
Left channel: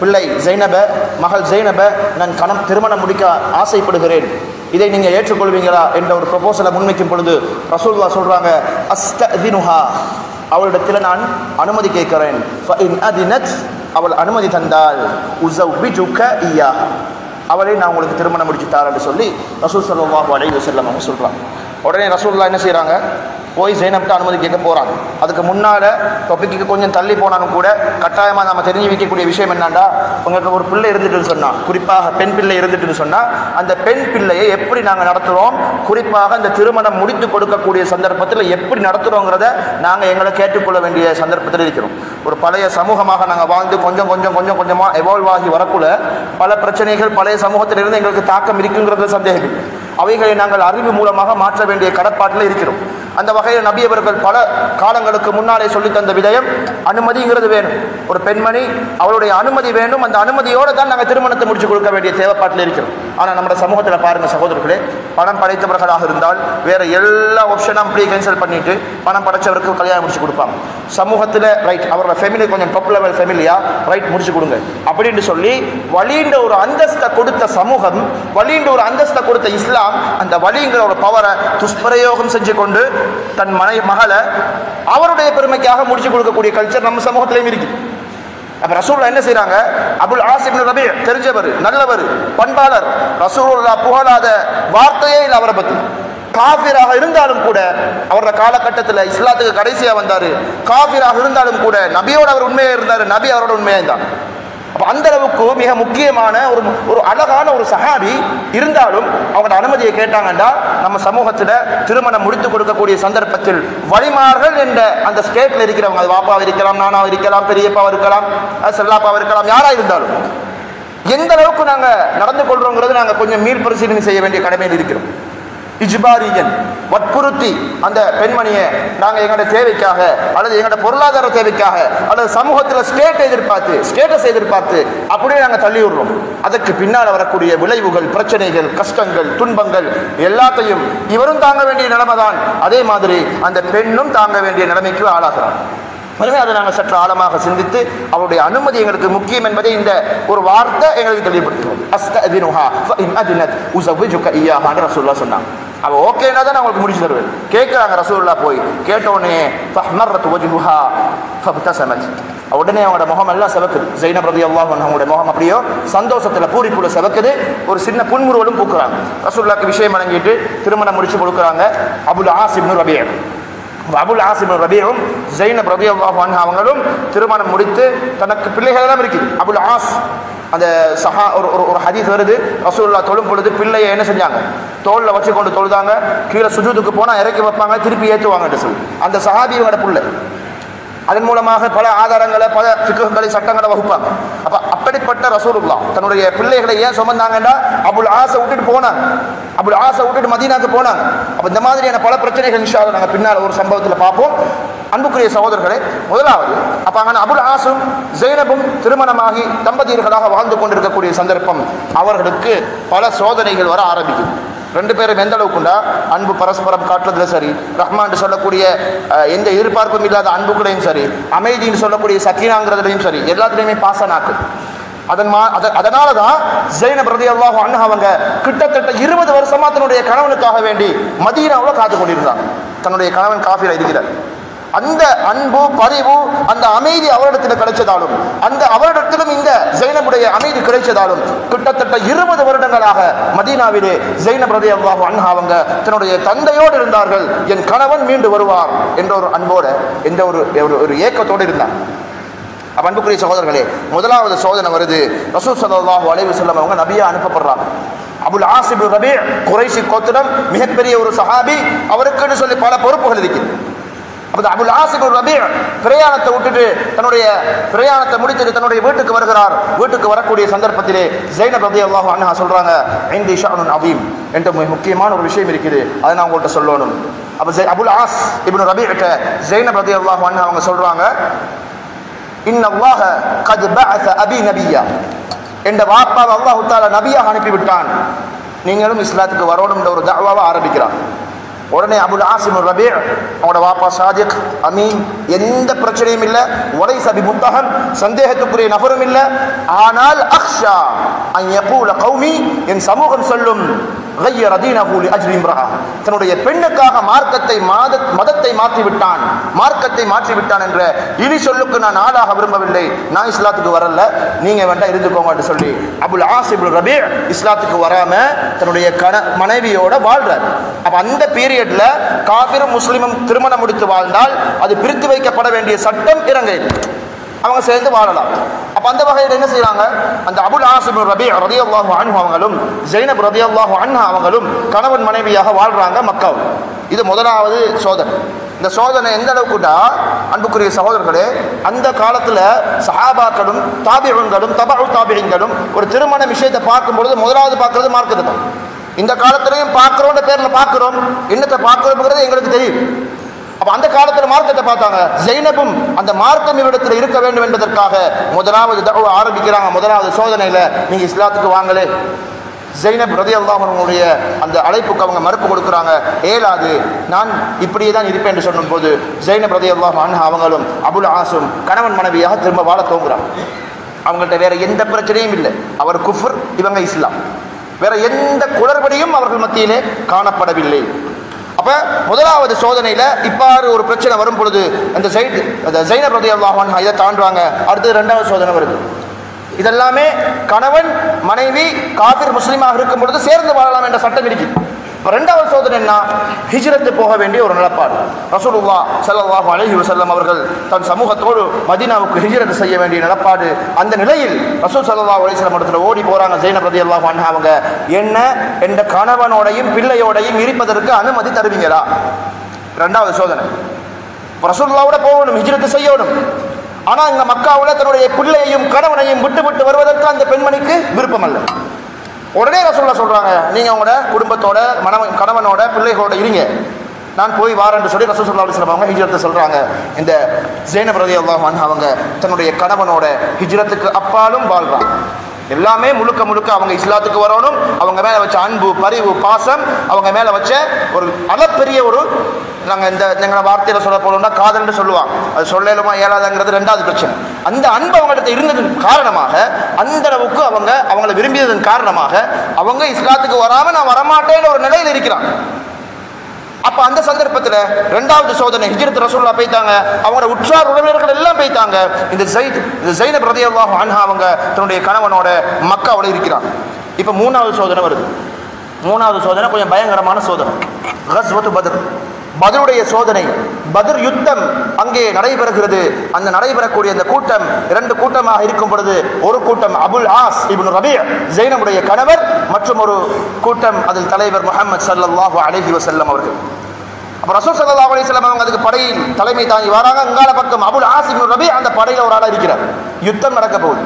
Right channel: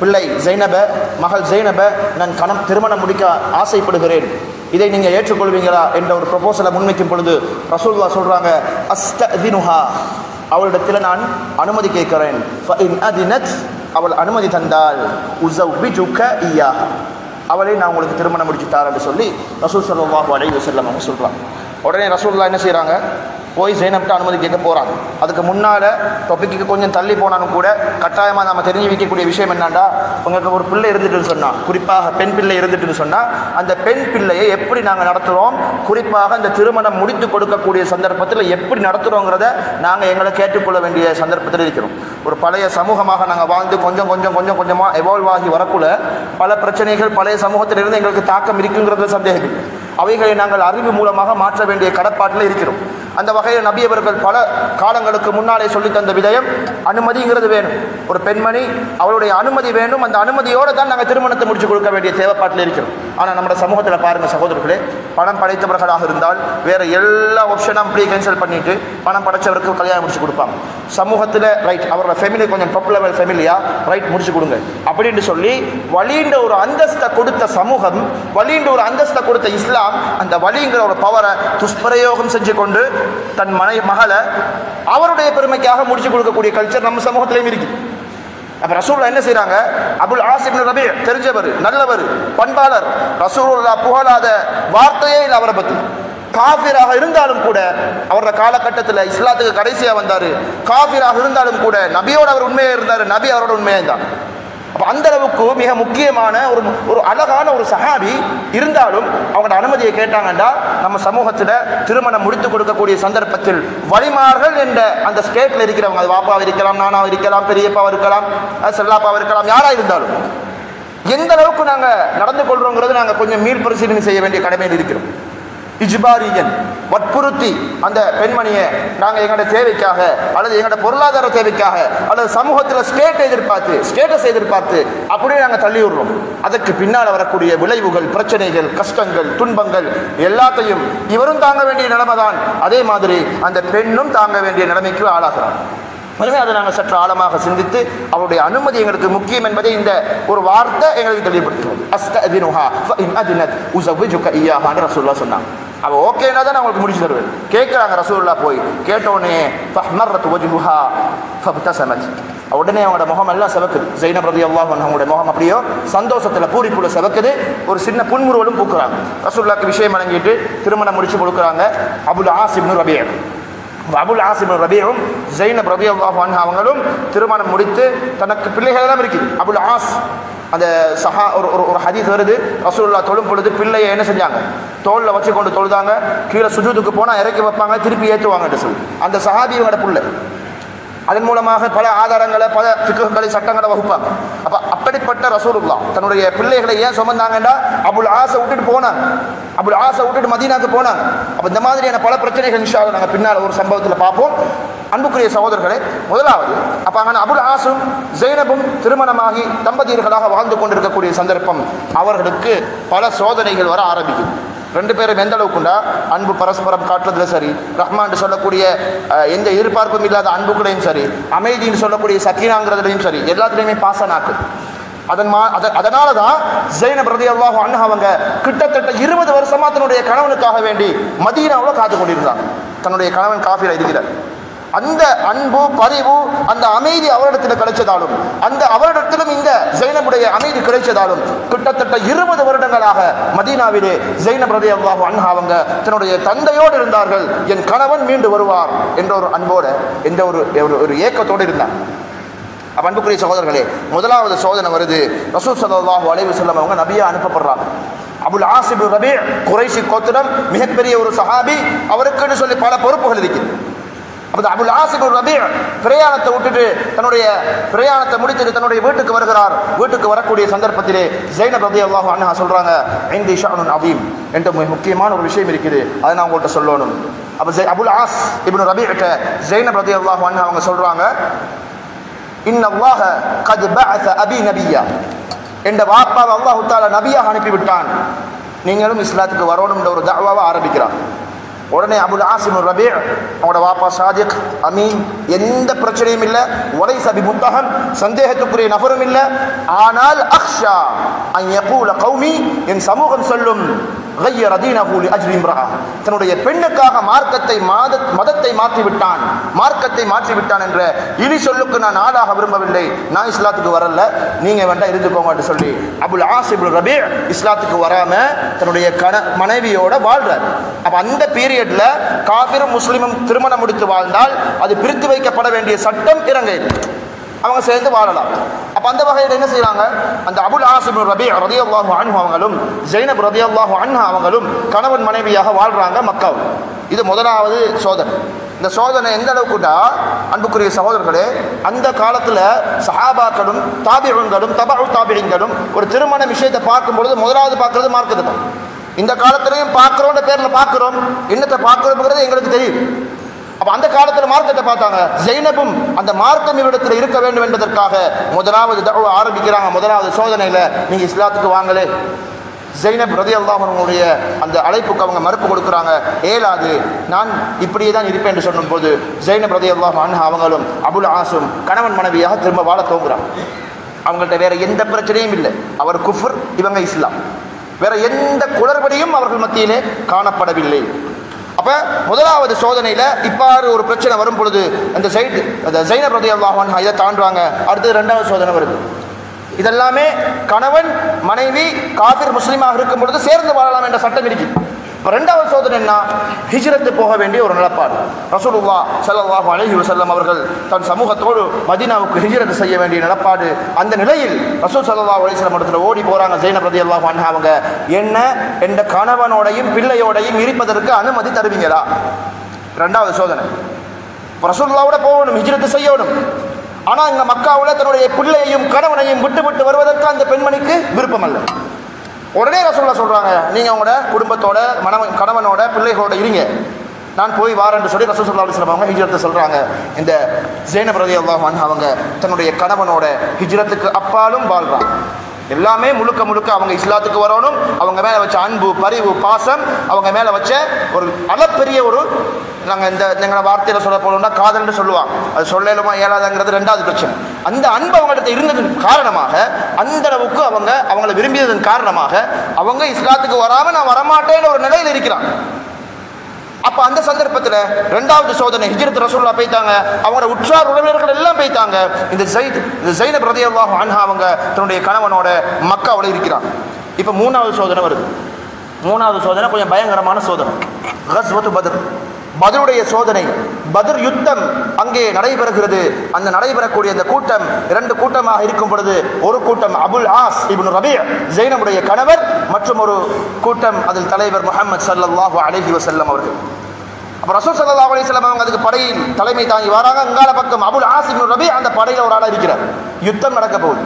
பிள்ளை ஜைனப, மகள் ஜைனப நான் திருமணம் முடிக்க ஆசைப்படுகிறேன், இதை நீங்க ஏற்றுக்கொள்வீங்களா என்ற ஒரு ப்ரொபோசலை முன்வைக்கும் பொழுது ரசூலுல்லாஹ் சொல்றாங்க, அஸ்தஅதினுஹா, அவளிடத்தில் நான் அனுமதி கேட்கிறேன். அவள் அனுமதி தந்தால் உஸவ்விஜுக இய்யாஹா, அவளை நான் உங்களுக்கு திருமணம் முடிச்சு தாரேன் என்று சொல்லி ரசூல் ஸல்லல்லாஹு அலைஹி வஸல்லம் அவங்க சொல்றாங்க. உடனே ரசூலுல்லாஹ் என்ன செய்யறாங்க, போய் ஜைனப்ட்ட அனுமதி கேட்க போறாங்க. அதுக்கு முன்னால டாபிக்கு கொஞ்சம் தள்ளி போனாலும் கூட கட்டாயமா நம்ம தெரிஞ்சு வைக்கக்கூடிய விஷயம் என்னன்னா, உங்களுக்கு ஒரு பிள்ளை இருந்துட்டுன்னு சொன்னா, குறிப்பாக பெண் பிள்ளை இருந்துட்டுன்னு சொன்னா, அந்த பெண் பிள்ளையை எப்படி நாங்கள் நடத்துறோம், குறிப்பாக இந்த திருமணம் முடித்து கொடுக்கக்கூடிய சந்தர்ப்பத்தில் எப்படி நடத்துறோங்கிறத நாங்கள் எங்களை கேட்டுக்கொள்ள வேண்டிய சந்தர்ப்பத்தில் இருக்கிறோம். ஒரு பழைய சமூகமாக நாங்கள் வாழ்ந்து கொஞ்சம் கொஞ்சமாக எவால்வ் ஆகி வரக்குள்ள பல பிரச்சனைகள் பழைய சமூகத்திலிருந்து எங்களுக்கு தாக்கம் இருக்குங்கிறது சந்தேகம். அவைகளை நாங்கள் அறிவு மூலமாக மாற்ற வேண்டிய கடப்பாட்டில் இருக்கிறோம். அந்த வகையில் நபி அவர்கள் பல காலங்களுக்கு முன்னாலே சொல்லி தந்த விடயம் அனுமதிங்கிறது வேணும். ஒரு பெண்மணி அவளுடைய அனுமதி வேண்டும். அந்த அனுமதியோடு தான் நாங்கள் திருமணத்தை முடிச்சு கொடுக்க வேண்டிய தேவைப்பாட்டில் இருக்கிறோம். ஆனால் நம்ம சமூகத்தில் பாருங்க சகோதரர்களே, பணம் படைத்தவர்களாக இருந்தால் வேற எல்லா ஆப்ஷனும் அப்படியே கேன்சல் பண்ணிட்டு பணம் படைச்சவருக்கு கல்யாணம் முடிச்சு கொடுப்பாங்க. சமூகத்தில் ரைட், அவரோட ஃபேமிலி கொஞ்சம் டாப் லெவல் ஃபேமிலியா, ரைட் முடிச்சு கொடுங்க அப்படின்னு சொல்லி வலின்ற ஒரு அந்தஸ்தை கொடுத்த சமூகம், வலின்ற ஒரு அந்தஸ்தை கொடுத்த இஸ்லாம் அந்த வலிங்கிற ஒரு பவரை துஷ்பிரயோகம் செஞ்சு கொண்டு தன் மகளை அவருடைய பெருமைக்காக முடிச்சு கொடுக்கக்கூடிய கல்ச்சர் நம்ம சமூகத்திலையும் இருக்கு. அப்ப ரசூலுல்லாஹ் என்ன செய்றாங்க, அபுல் ஆஸ் இப்னு ரபீஅ தெரிஞ்சவர், நல்லவர், பண்பாளர், ரசூலுல்லாஹ் புகழாத வார்த்தையே இல்லை அவரை பத்தி. காஃபிராக இருந்தாலும் கூட அவரோட காலகட்டத்தில் இஸ்லாத்துக்கு கடைசியா வந்தாரு. காஃபிராக இருந்தாலும் கூட நபியோட அவர் உண்மையா இருந்தாரு, நபி அவரோட உண்மையா இருந்தார். அந்த அளவுக்கு மிக முக்கியமான ஒரு அழகான ஒரு சஹாபி இருந்தாலும் அவங்களோட அனுமதியை கேட்டாங்கன்னா நம்ம சமூகத்தில் திருமணம் முடித்து கொடுக்கக்கூடிய சந்தர்ப்பத்தில் வழிமார்கள் என்ற அந்த ஸ்டேட்ல இருக்கிறவங்க, அது வாப்பாவை இருக்கலாம், நானாவை இருக்கலாம், பெரியப்பாவை இருக்கலாம், செல்லாப்பாவை இருக்கலாம், யாரா இருந்தாலும் எந்த அளவுக்கு நாங்க நடந்து கொள்றோங்கிறது நாங்க கொஞ்சம் மீள் பரிசீலனை செய்ய வேண்டிய கடமையில் இருக்கிறோம். இஜ்பாரியன் வற்புறுத்தி அந்த பெண்மணியை நாங்கள் எங்களோட தேவைக்காக அல்லது எங்களோட பொருளாதார தேவைக்காக அல்லது சமூகத்தில் ஸ்டேட்டஸ் எதிர்பார்த்து அப்படியே நாங்கள் தள்ளி விடுறோம். அதற்கு பின்னால் வரக்கூடிய விளைவுகள், பிரச்சனைகள், கஷ்டங்கள், துன்பங்கள் எல்லாத்தையும் இவரும் தாங்க வேண்டிய நிலைமை தான். அதே மாதிரி அந்த பெண்ணும் தாங்க வேண்டிய நிலைமைக்கு ஆளாகிறார். எனவே அதை நாங்கள் சற்று ஆழமாக சிந்தித்து அவருடைய அனுமதி எங்களுக்கு முக்கியம் என்பதை இந்த ஒரு வார்த்தை எங்களுக்கு தெளிவுபடுத்துவோம். அஸ்தஅதினுஹா ஃபஇன் அதினத் உஸவ்விஜுக இய்யாஹான்னு ரசூலுல்லாஹ் சொன்னாங்க. அவ ஓகேனா தான் அவங்களுக்கு முடிச்சு தருவேன். கேட்குறாங்க ரசூலுல்லாஹ் போய் கேட்டோடனே ஃபஹ்மர்ரத் வஜ்ஹுஹா ஃபப்தஸமத், உடனே அவங்களோட முகம் எல்லாம் சிவக்குது. ஜைனப் ரலியல்லாஹு அன்ஹா அவங்களுடைய முகம் அப்படியோ சந்தோஷத்துல பூரிப்புல சிவக்குது. ஒரு சின்ன புன்முறுவலும் பூக்குறாங்க. ரசூலுல்லாஹ்க்கு விஷயம் வழங்கிட்டு திருமணம் முடிச்சு கொடுக்குறாங்க. அபுல் ஆஸ் இப்னு ரபீஅ, அபுல் ஆஸ் இப்னு ரபீஅவும் ஜைனப் ரலியல்லாஹு அன்ஹா அவங்களும் திருமணம் முடித்து தனக்கு பிள்ளைகள் எல்லாம் இருக்குது. அபுல் ஆஸ் அந்த ஒரு ஹதீஸ் வருது, ரசூலுல்லாஹ் தொழும் பொழுது பிள்ளையை என்ன செஞ்சாங்க, தோல்ல வச்சு கொண்டு தொழுதாங்க, கீழே சுஜூதுக்கு போனா இறக்கி வைப்பாங்க, திருப்பி ஏற்றுவாங்கன்னு சொல்லி அந்த சஹாபியோட புள்ள. அதன் மூலமாக பல ஆதாரங்களை, பல ஃபிக்ஹ்களை, சட்டங்களை வகுப்பாங்க. அப்ப அப்படிப்பட்ட ரசூலுல்லாஹ் தன்னுடைய பிள்ளைகளை ஏன் சுமந்தாங்கன்னா அபுல் ஆஸை விட்டுட்டு போனாங்க, அபுல் ஆஸை விட்டுட்டு மதீனாக்கு போனாங்க. அப்ப இந்த மாதிரியான பல பிரச்சனைகள் இன்ஷா அல்லாஹ் நாங்கள் பின்னால் ஒரு சம்பவத்தில் பார்ப்போம். அன்புக்குரிய சகோதரர்களே, முதலாவது அப்ப அங்கே அபுல் ஆஸும் ஜைனபும் திருமணமாகி தம்பதியர்களாக வாழ்ந்து கொண்டிருக்கக்கூடிய சந்தர்ப்பம் அவர்களுக்கு பல சோதனைகள் வர ஆரம்பிக்கும். ரெண்டு பேரும் எந்த அளவுக்குண்டா அன்பு பரஸ்பரம் காட்டுறதுல சரி, ரஹ்மான் சொல்லக்கூடிய எந்த எதிர்பார்ப்பும் இல்லாத அன்புகளையும் சரி, அமைதின்னு சொல்லக்கூடிய சக்கீனாங்கிறதுலையும் சரி, எல்லாத்துலேயுமே பாச நாக்கு. அதனாலதான் ஜைனப் ரலியல்லாஹு அன்ஹா அவங்க கிட்டத்தட்ட 20 வருஷமா தன்னுடைய கணவனுக்காக வேண்டி மதீனாவுல காத்து கொண்டிருந்தாங்க. தன்னுடைய கணவன் காஃபிரா இருக்கிறார். அந்த அன்பு, பரிவு, அந்த அமைதி அவரிடத்தில் கிடைச்சதாலும், அந்த அவரிடத்திலும் இந்த ஜைனபுடைய அமைதி கிடைச்சதாலும் கிட்டத்தட்ட 20 வருடங்களாக மதீனாவிலே ஜைனப் ரலியல்லாஹு அன்ஹா அவங்க தன்னுடைய தந்தையோடு இருந்தார்கள். என் கணவன் மீண்டு வருவார் என்ற ஒரு அன்போடு, என்ற ஒரு ஏக்கத்தோடு இருந்தார். அன்புக்குரிய சகோதரர்களே, முதலாவது சோதனை வருது. ரசூல் ஸல்லல்லாஹு அலைஹி வஸல்லம் அவங்க நபியா அனுப்பப்படுறாங்க. அபுல் ஆஸ் இப்னு ரபீ குறைஷி கோத்திரம், மிகப்பெரிய ஒரு சஹாபி. அவருக்குன்னு சொல்லி பல பொறுப்புகள் இருக்குது. அபுல் ஆஸ் இப்னு ரபீ பிரயாணத்தை விட்டுட்டு தன்னுடைய பிரயாணத்தை முடித்துட்டு தன்னுடைய வீட்டுக்கு வருகிறார். வீட்டுக்கு வரக்கூடிய சந்தர்ப்பத்திலே ஜைனப் ரலியல்லாஹு அன்ஹா சொல்றாங்க, இன்தி ஷஅனுன் அதீம், என்ற முக்கியமான ஒரு விஷயம் இருக்குது, அதை நான் உங்கள்கிட்ட சொல்லணும். அபுல் ஆஸ் இப்னு ரபீ கிட்ட ஜைனப் ரலியல்லாஹு அன்ஹா அவங்க சொல்றாங்க, இன்னல்லாஹ கத் பஅஸ அபி நபியா, என்ற வாப்பாவை அல்லாஹ் தஆலா நபியாக அனுப்பிவிட்டான், நீங்களும் இஸ்லாத்துக்கு வரணும்ன்ற ஒரு தஅவாவை ஆரம்பிக்கிறான். உடனே அபுல் ஆஸ் இப்னு ரபீ அவனோட வாப்பா சாதிக், அமீன், எந்த பிரச்சனையும் இல்லை, வலைஸ பிமுத்தஹம், சந்தேகத்துக்குரிய நபரும் இல்லை. ஆனால் அக்ஷா அன் யகூல கௌமி, என் சமூகம் சொல்லும், غير دينه لاجل امراه, தன்னுடைய பெண்ணுக்காக மதத்தை மாற்றிவிட்டான், மார்க்கத்தை மாற்றிவிட்டான் என்ற இனி சொல்லுக்கு நான் ஆளாக விரும்பவில்லை, நான் இஸ்லாத்துக்கு வரல, நீங்க வேண்டாம் இருந்துக்கோங்க சொல்லி அபுல் ஆஸ் இப்னு ரபீ இஸ்லாத்துக்கு வராம தன்னுடைய மனைவியோட வாழ்றார். அப்ப அந்த பீரியட்ல காஃபிரும் முஸ்லிமும் திருமணம் முடித்து வாழ்ந்தால் அது பிரித்து வைக்கப்பட வேண்டிய சட்டம் இறங்கையில் அவங்க சேர்ந்து வாழலாம். அப்ப அந்த வகையில் என்ன செய்யறாங்க, அந்த அபுல் ஆஸ் இப்னு ரபீ ரலியல்லாஹு அன்ஹு அவங்களும் ஜைனப் ரலியல்லாஹு அன்ஹா அவங்களும் கணவன் மனைவியாக வாழ்றாங்க மக்காவில். இது முதலாவது சோதனை. இந்த சோதனை எந்த அளவுக்குடா அன்புக்குரிய சகோதரர்களே, அந்த காலத்துல சஹாபாக்களும் தாபிஊன்களும் தபஉ தாபிஈன்களும் ஒரு திருமண விஷயத்தை பார்க்கும் பொழுது முதலாவது பார்க்கிறது மார்க்கத்தை. இந்த காலத்திலையும் பார்க்கிறோம் பேர்ல பார்க்கிறோம், என்னத்தை பார்க்கிறோம்ங்கிறது எங்களுக்கு தெரியும். அப்ப அந்த காலத்துல மார்க்கத்தை பார்த்தாங்க. ஜைனபும் அந்த மார்க்கம் இவரிடத்தில் இருக்க வேண்டும் என்பதற்காக முதலாவது தஅவா ஆரம்பிக்கிறாங்க. முதலாவது சோதனையில நீங்க இஸ்லாத்துக்கு வாங்களே. ஜைனப் ரலியல்லாஹு அன்ஹுடைய அந்த அழைப்புக்கு அவங்க மறுப்பு கொடுக்குறாங்க. ஏலாது, நான் இப்படியே தான் இருப்பேன் என்று சொன்னும் போது ஜைனப் ரலியல்லாஹு அன்ஹா அவங்களும் அபுல் ஆஸும் கணவன் மனைவியாக திரும்ப வாழ தோங்குறாங்க. அவங்கள்ட்ட வேற எந்த பிரச்சனையும் இல்லை. அவர் குஃப்ர், இவங்க இஸ்லாம். வேற எந்த குளறுபடியும் அவர்கள் மத்தியிலே காணப்படவில்லை. அப்ப முதலாவது சோதனையில இப்பாறு ஒரு பிரச்சனை வரும் பொழுது அந்த ஜைனப் ரலியல்லாஹு அன்ஹா இதை தாண்டுவாங்க. அடுத்து இரண்டாவது சோதனை வருது. இதெல்லாமே கணவன் மனைவி காஃபிர் முஸ்லிமாக இருக்கும் பொழுது சேர்ந்து வாழலாம் என்ற சட்டம் இருக்கு. இரண்டாவது சோதனை என்ன, ஹிஜ்ரத்து போக வேண்டிய ஒரு நிலப்பாடு. ரசூலுல்லாஹ் ஸல்லல்லாஹு அலைஹி வஸல்லம் அவர்கள் தன் சமூகத்தோடு மதீனாவுக்கு ஹிஜ்ரத் செய்ய வேண்டிய நிலப்பாடு. அந்த நிலையில் ரசூல் ஸல்லல்லாஹு அலைஹி வஸல்லம் இடத்துல ஓடி போறாங்க ஜைனப் ரலியல்லாஹு அன்ஹா அவங்க, என்ன என்ற கணவனோடையும் பிள்ளையோடையும் இருப்பதற்கு அனுமதி தருவீங்களா? இரண்டாவது சோதனை. ரசூலுல்லாஹ்வோட போகணும், ஹிஜ்ரத் செய்யணும். ஆனா இந்த மக்காவுல தன்னுடைய பிள்ளையையும் கணவனையும் விட்டு வருவதற்கு அந்த பெண்மணிக்கு விருப்பம் அல்ல. உடனே ரசூலுல்லாஹ் சொல்றாங்க, நீங்க உங்களோட குடும்பத்தோட கணவனோட பிள்ளைகளோட இருங்க, நான் போய் வாரேன்னு சொல்லி ரசூல் ஸல்லல்லாஹு அலைஹி வஸல்லம் அவங்க ஹிஜ்ரத்தை சொல்றாங்க. இந்த ஜைனப் ரலியல்லாஹு அன்ஹா அவங்க தன்னுடைய கணவனோட ஹிஜ்ரத்துக்கு அப்பாலும் வாழ்றாங்க. எல்லாமே முழுக்க அவங்க இஸ்லாத்துக்கு வரணும். அவங்க மேல வச்ச அன்பு, பரிவு, பாசம், அவங்க மேல வச்ச ஒரு அளப்பெரிய ஒரு, நாங்கள் எங்களை வார்த்தையில சொல்ல போனோம்னா காதல்னு சொல்லுவாங்க, அது சொல்லலுமா இயலாதுங்கிறது ரெண்டாவது பிரச்சனை. அந்த அன்பு அவங்கள்ட்ட இருந்ததன் காரணமாக, அந்த அளவுக்கு அவங்களை விரும்பியதன் காரணமாக அவங்க இஸ்லாத்துக்கு வராம நான் வரமாட்டேன்னு ஒரு நிலையில் இருக்கிறாங்க. அப்ப அந்த சந்தர்ப்பத்தில் இரண்டாவது சோதனை ஹிஜ்ரத் ரசூலுல்லாஹ் போய்த்தாங்க. அவங்களோட உற்றார் உறவினர்கள் எல்லாம் போய்த்தாங்க. இந்த ஜைனப் ரலியல்லாஹு அன்ஹா அவங்க தன்னுடைய கணவனோட மக்காவோட இருக்கிறாங்க. இப்ப மூணாவது சோதனை வருது. மூணாவது சோதனை கொஞ்சம் பயங்கரமான சோதனை. கஸ்வத்து பத்ர், பத்ருடைய சோதனை. பத்ர் யுத்தம் அங்கே நடைபெறுகிறது. அந்த நடைபெறக்கூடிய அந்த கூட்டம் 2 கூட்டமாக இருக்கும் பொழுது ஒரு கூட்டம் அபுல் ஆஸ் இப்னு ரபீ ஜைனபுடைய கணவர், மற்றும் ஒரு கூட்டம் அதில் தலைவர் முஹம்மது ஸல்லல்லாஹு அலைஹி வஸல்லம் அவர்கள். அப்ப ரசூல் ஸல்லல்லாஹு அலைஹி வஸல்லம் அவங்க அதுக்கு படையில் தலைமை தாங்கி வராங்க. அங்கால பக்கம் அபுல் ஆஸ் இப்னு ரபீ அந்த படையில ஒரு ஆளா இருக்கிறார். யுத்தம் நடக்க போகுது.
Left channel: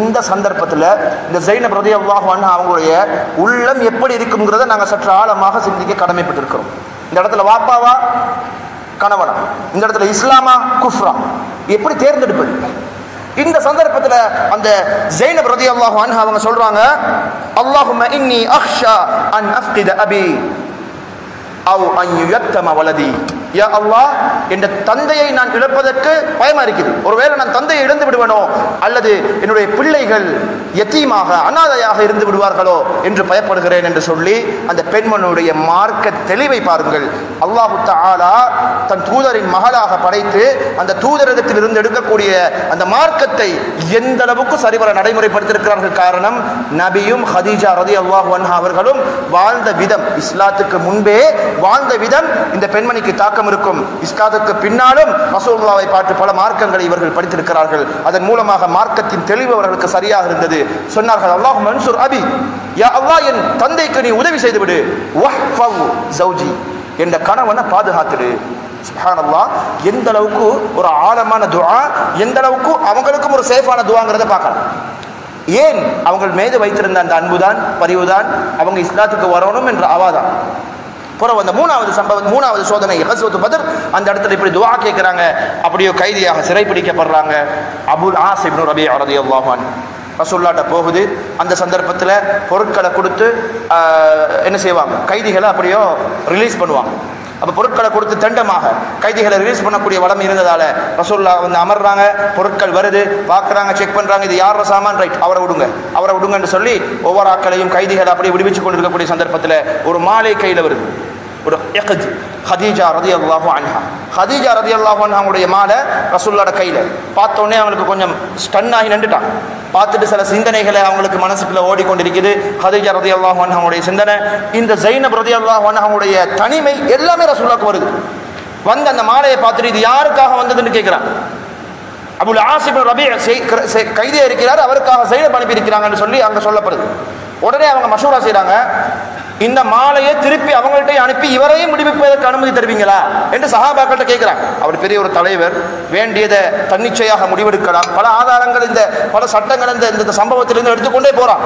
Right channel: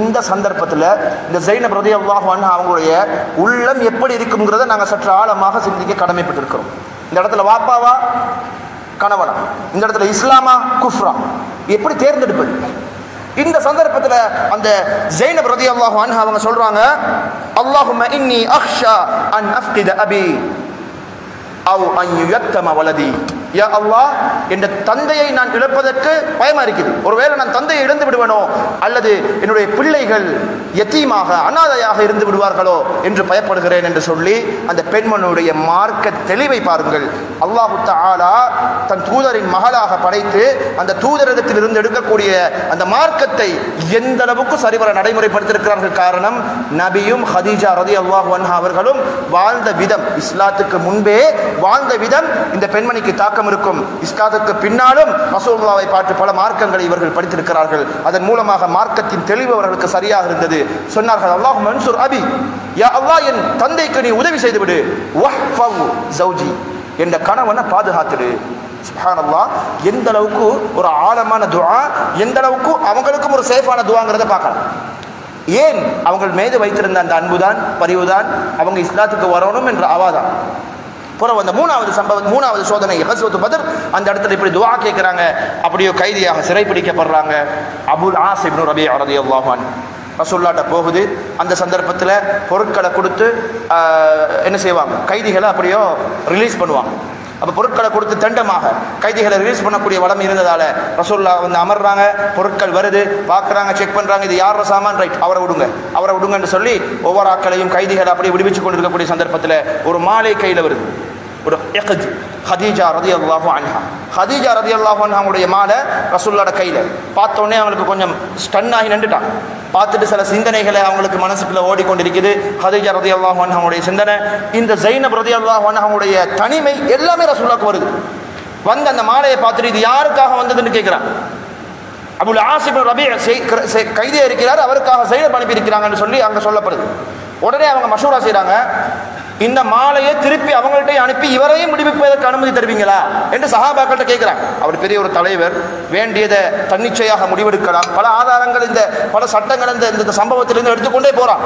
இந்த சந்தர்ப்பத்தில் இந்த ஜைனப் ரலியல்லாஹு அன்ஹா அவங்களுடைய உள்ளம் எப்படி இருக்குங்கிறத நாங்க சற்று ஆழமாக சிந்திக்க கடமைப்பட்டிருக்கிறோம். இந்த இடத்துல வாப்பாவா கணவனா, இந்த இடத்துல இஸ்லாமா குஃப்ரா, எப்படி தேர்ந்தெடுப்பது? இந்த சந்தர்ப்பத்தில் அந்த ஜைனப் ரலியல்லாஹு அன்ஹா அவங்க சொல்றாங்க, அல்லாஹும்ம இன்னி அக்ஷா அன் அஃப்கித அபி அவ் அன் யுயத்தம வலதி. யா அல்லாஹ், என்ற தந்தையை நான் இழப்பதற்கு பயமா இருக்குது. ஒருவேளை நான் தந்தையை இழந்து விடுவனோ, அல்லது என்னுடைய பிள்ளைகள் யத்தீமாக அனாதையாக இருந்து விடுவார்களோ என்று பயப்படுகிறேன் என்று சொல்லி அந்த பெண்மனுடைய மார்க்க தெளிவை பாருங்கள். அல்லாஹு தஆலா தன் தூதரின் மகளாக படைத்து அந்த தூதரிடத்தில் இருந்து எடுக்கக்கூடிய அந்த மார்க்கத்தை எந்த அளவுக்கு சரிவர நடைமுறைப்படுத்தியிருக்கிறார்கள். காரணம், நபியும் ஹதீஜா ரலியல்லாஹு அன்ஹா அவர்களும் வாழ்ந்த விதம், இஸ்லாத்துக்கு முன்பே வாழ்ந்த விதம் இந்த பெண்மணிக்கு தாக்கம் இருக்கும். இஸ்லாத்துக்கு பின்னாலும் ரசூலுல்லாஹை பார்த்து பல மார்க்கங்களை இவர்கள் படித்திருக்கிறார்கள். அதன் மூலமாக மார்க்கத்தின் தெளிவு அவர்களுக்கு சரியாக இருந்தது. சொன்னார்கள், அல்லாஹும்ம அன்சுர் அபி, யா அல்லாஹ், என் தந்தைக்கு நீ உதவி செய்து விடு. வஹ்ஃபவ் ஜௌஜி, என்ற கணவனை பாதுகாத்துடு. சுப்ஹானல்லாஹ், எந்த அளவுக்கு ஒரு ஆழமான துஆ, எந்த அளவுக்கு அவங்களுக்கும் ஒரு சேஃபான துஆங்கிறத பார்க்கலாம். ஏன்? அவங்க மீது வைத்திருந்த அந்த அன்புதான், பரிவுதான் அவங்க இஸ்லாத்துக்கு வரணும் என்ற ஆவாதான். பிறகு அந்த மூணாவது சோதனை கஸ்வத்து பத்ர், அந்த இடத்துல இப்படி துஆ கேட்கிறாங்க. அப்படியே கைதியாக சிறைப்பிடிக்கப்படுறாங்க. அபுல் ஆஸ் இப்னு ரபீ ரலியல்லாஹு அன்ஹு ரசூலுல்லாஹ்ட்ட போகுது. அந்த சந்தர்ப்பத்தில் பொருட்களை கொடுத்து என்ன செய்வாங்க, கைதிகளை அப்படியோ ரிலீஸ் பண்ணுவாங்க. அப்போ பொருட்களை கொடுத்து தண்டமாக கைதிகளை ரிலீஸ் பண்ணக்கூடிய வளம் இருந்ததால ரசூலுல்லாஹ் வந்து அமர்றாங்க. பொருட்கள் வருது, பார்க்குறாங்க, செக் பண்ணுறாங்க, இது யார சாமான், ரைட், அவரை விடுங்கன்னு சொல்லி ஒவ்வொரு ஆட்களையும் கைதிகளை அப்படியே விடுவிச்சு கொண்டிருக்கக்கூடிய சந்தர்ப்பத்தில் ஒரு மாலை கையில் வருது. ஒரு இக்ஜ் ஹதீஜா ரலியல்லாஹு அன்ஹா, ஹதீஜா ரலியல்லாஹு அன்ஹாவுடைய மாலை ரசூலுல்லாஹ்ட கையில் பார்த்த உடனே அவங்களுக்கு கொஞ்சம் ஸ்டன் ஆகி நின்றுட்டான். பார்த்துட்டு சில சிந்தனைகளை அவங்களுக்கு மனசுக்குள்ள ஓடிக்கொண்டிருக்குது. ஹதீஜா ரலியல்லாஹு அன்ஹாவுடைய சிந்தனை, இந்த ஜைனப் ரலியல்லாஹு அன்ஹாவுடைய தனிமை எல்லாமே ரசூலுல்லாஹ்க்கு வருது. வந்து அந்த மாலையை பார்த்துட்டு இது யாருக்காக வந்ததுன்னு கேட்கிறான். அபுல் ஆஸ் இப்னு ரபீ கைதியா இருக்கிறார், அவருக்காக ஜைனப் அனுப்பி இருக்கிறாங்கன்னு சொல்லி அங்க சொல்லப்படுது. உடனே அவங்க மஷூரா செய்றாங்க, இந்த மாலையை திருப்பி அவங்கள்ட்ட அனுப்பி இவரையும் விடுவிப்பதற்கு அனுமதி தருவீங்களா என்று சஹாபாக்கள்கிட்ட கேட்கிறாங்க. அவர் பெரிய ஒரு தலைவர், வேண்டியதை தன்னிச்சையாக முடிவெடுக்கலாம். பல ஆதாரங்கள், இந்த பல சட்டங்கள் இந்த சம்பவத்திலிருந்து எடுத்துக்கொண்டே போறான்.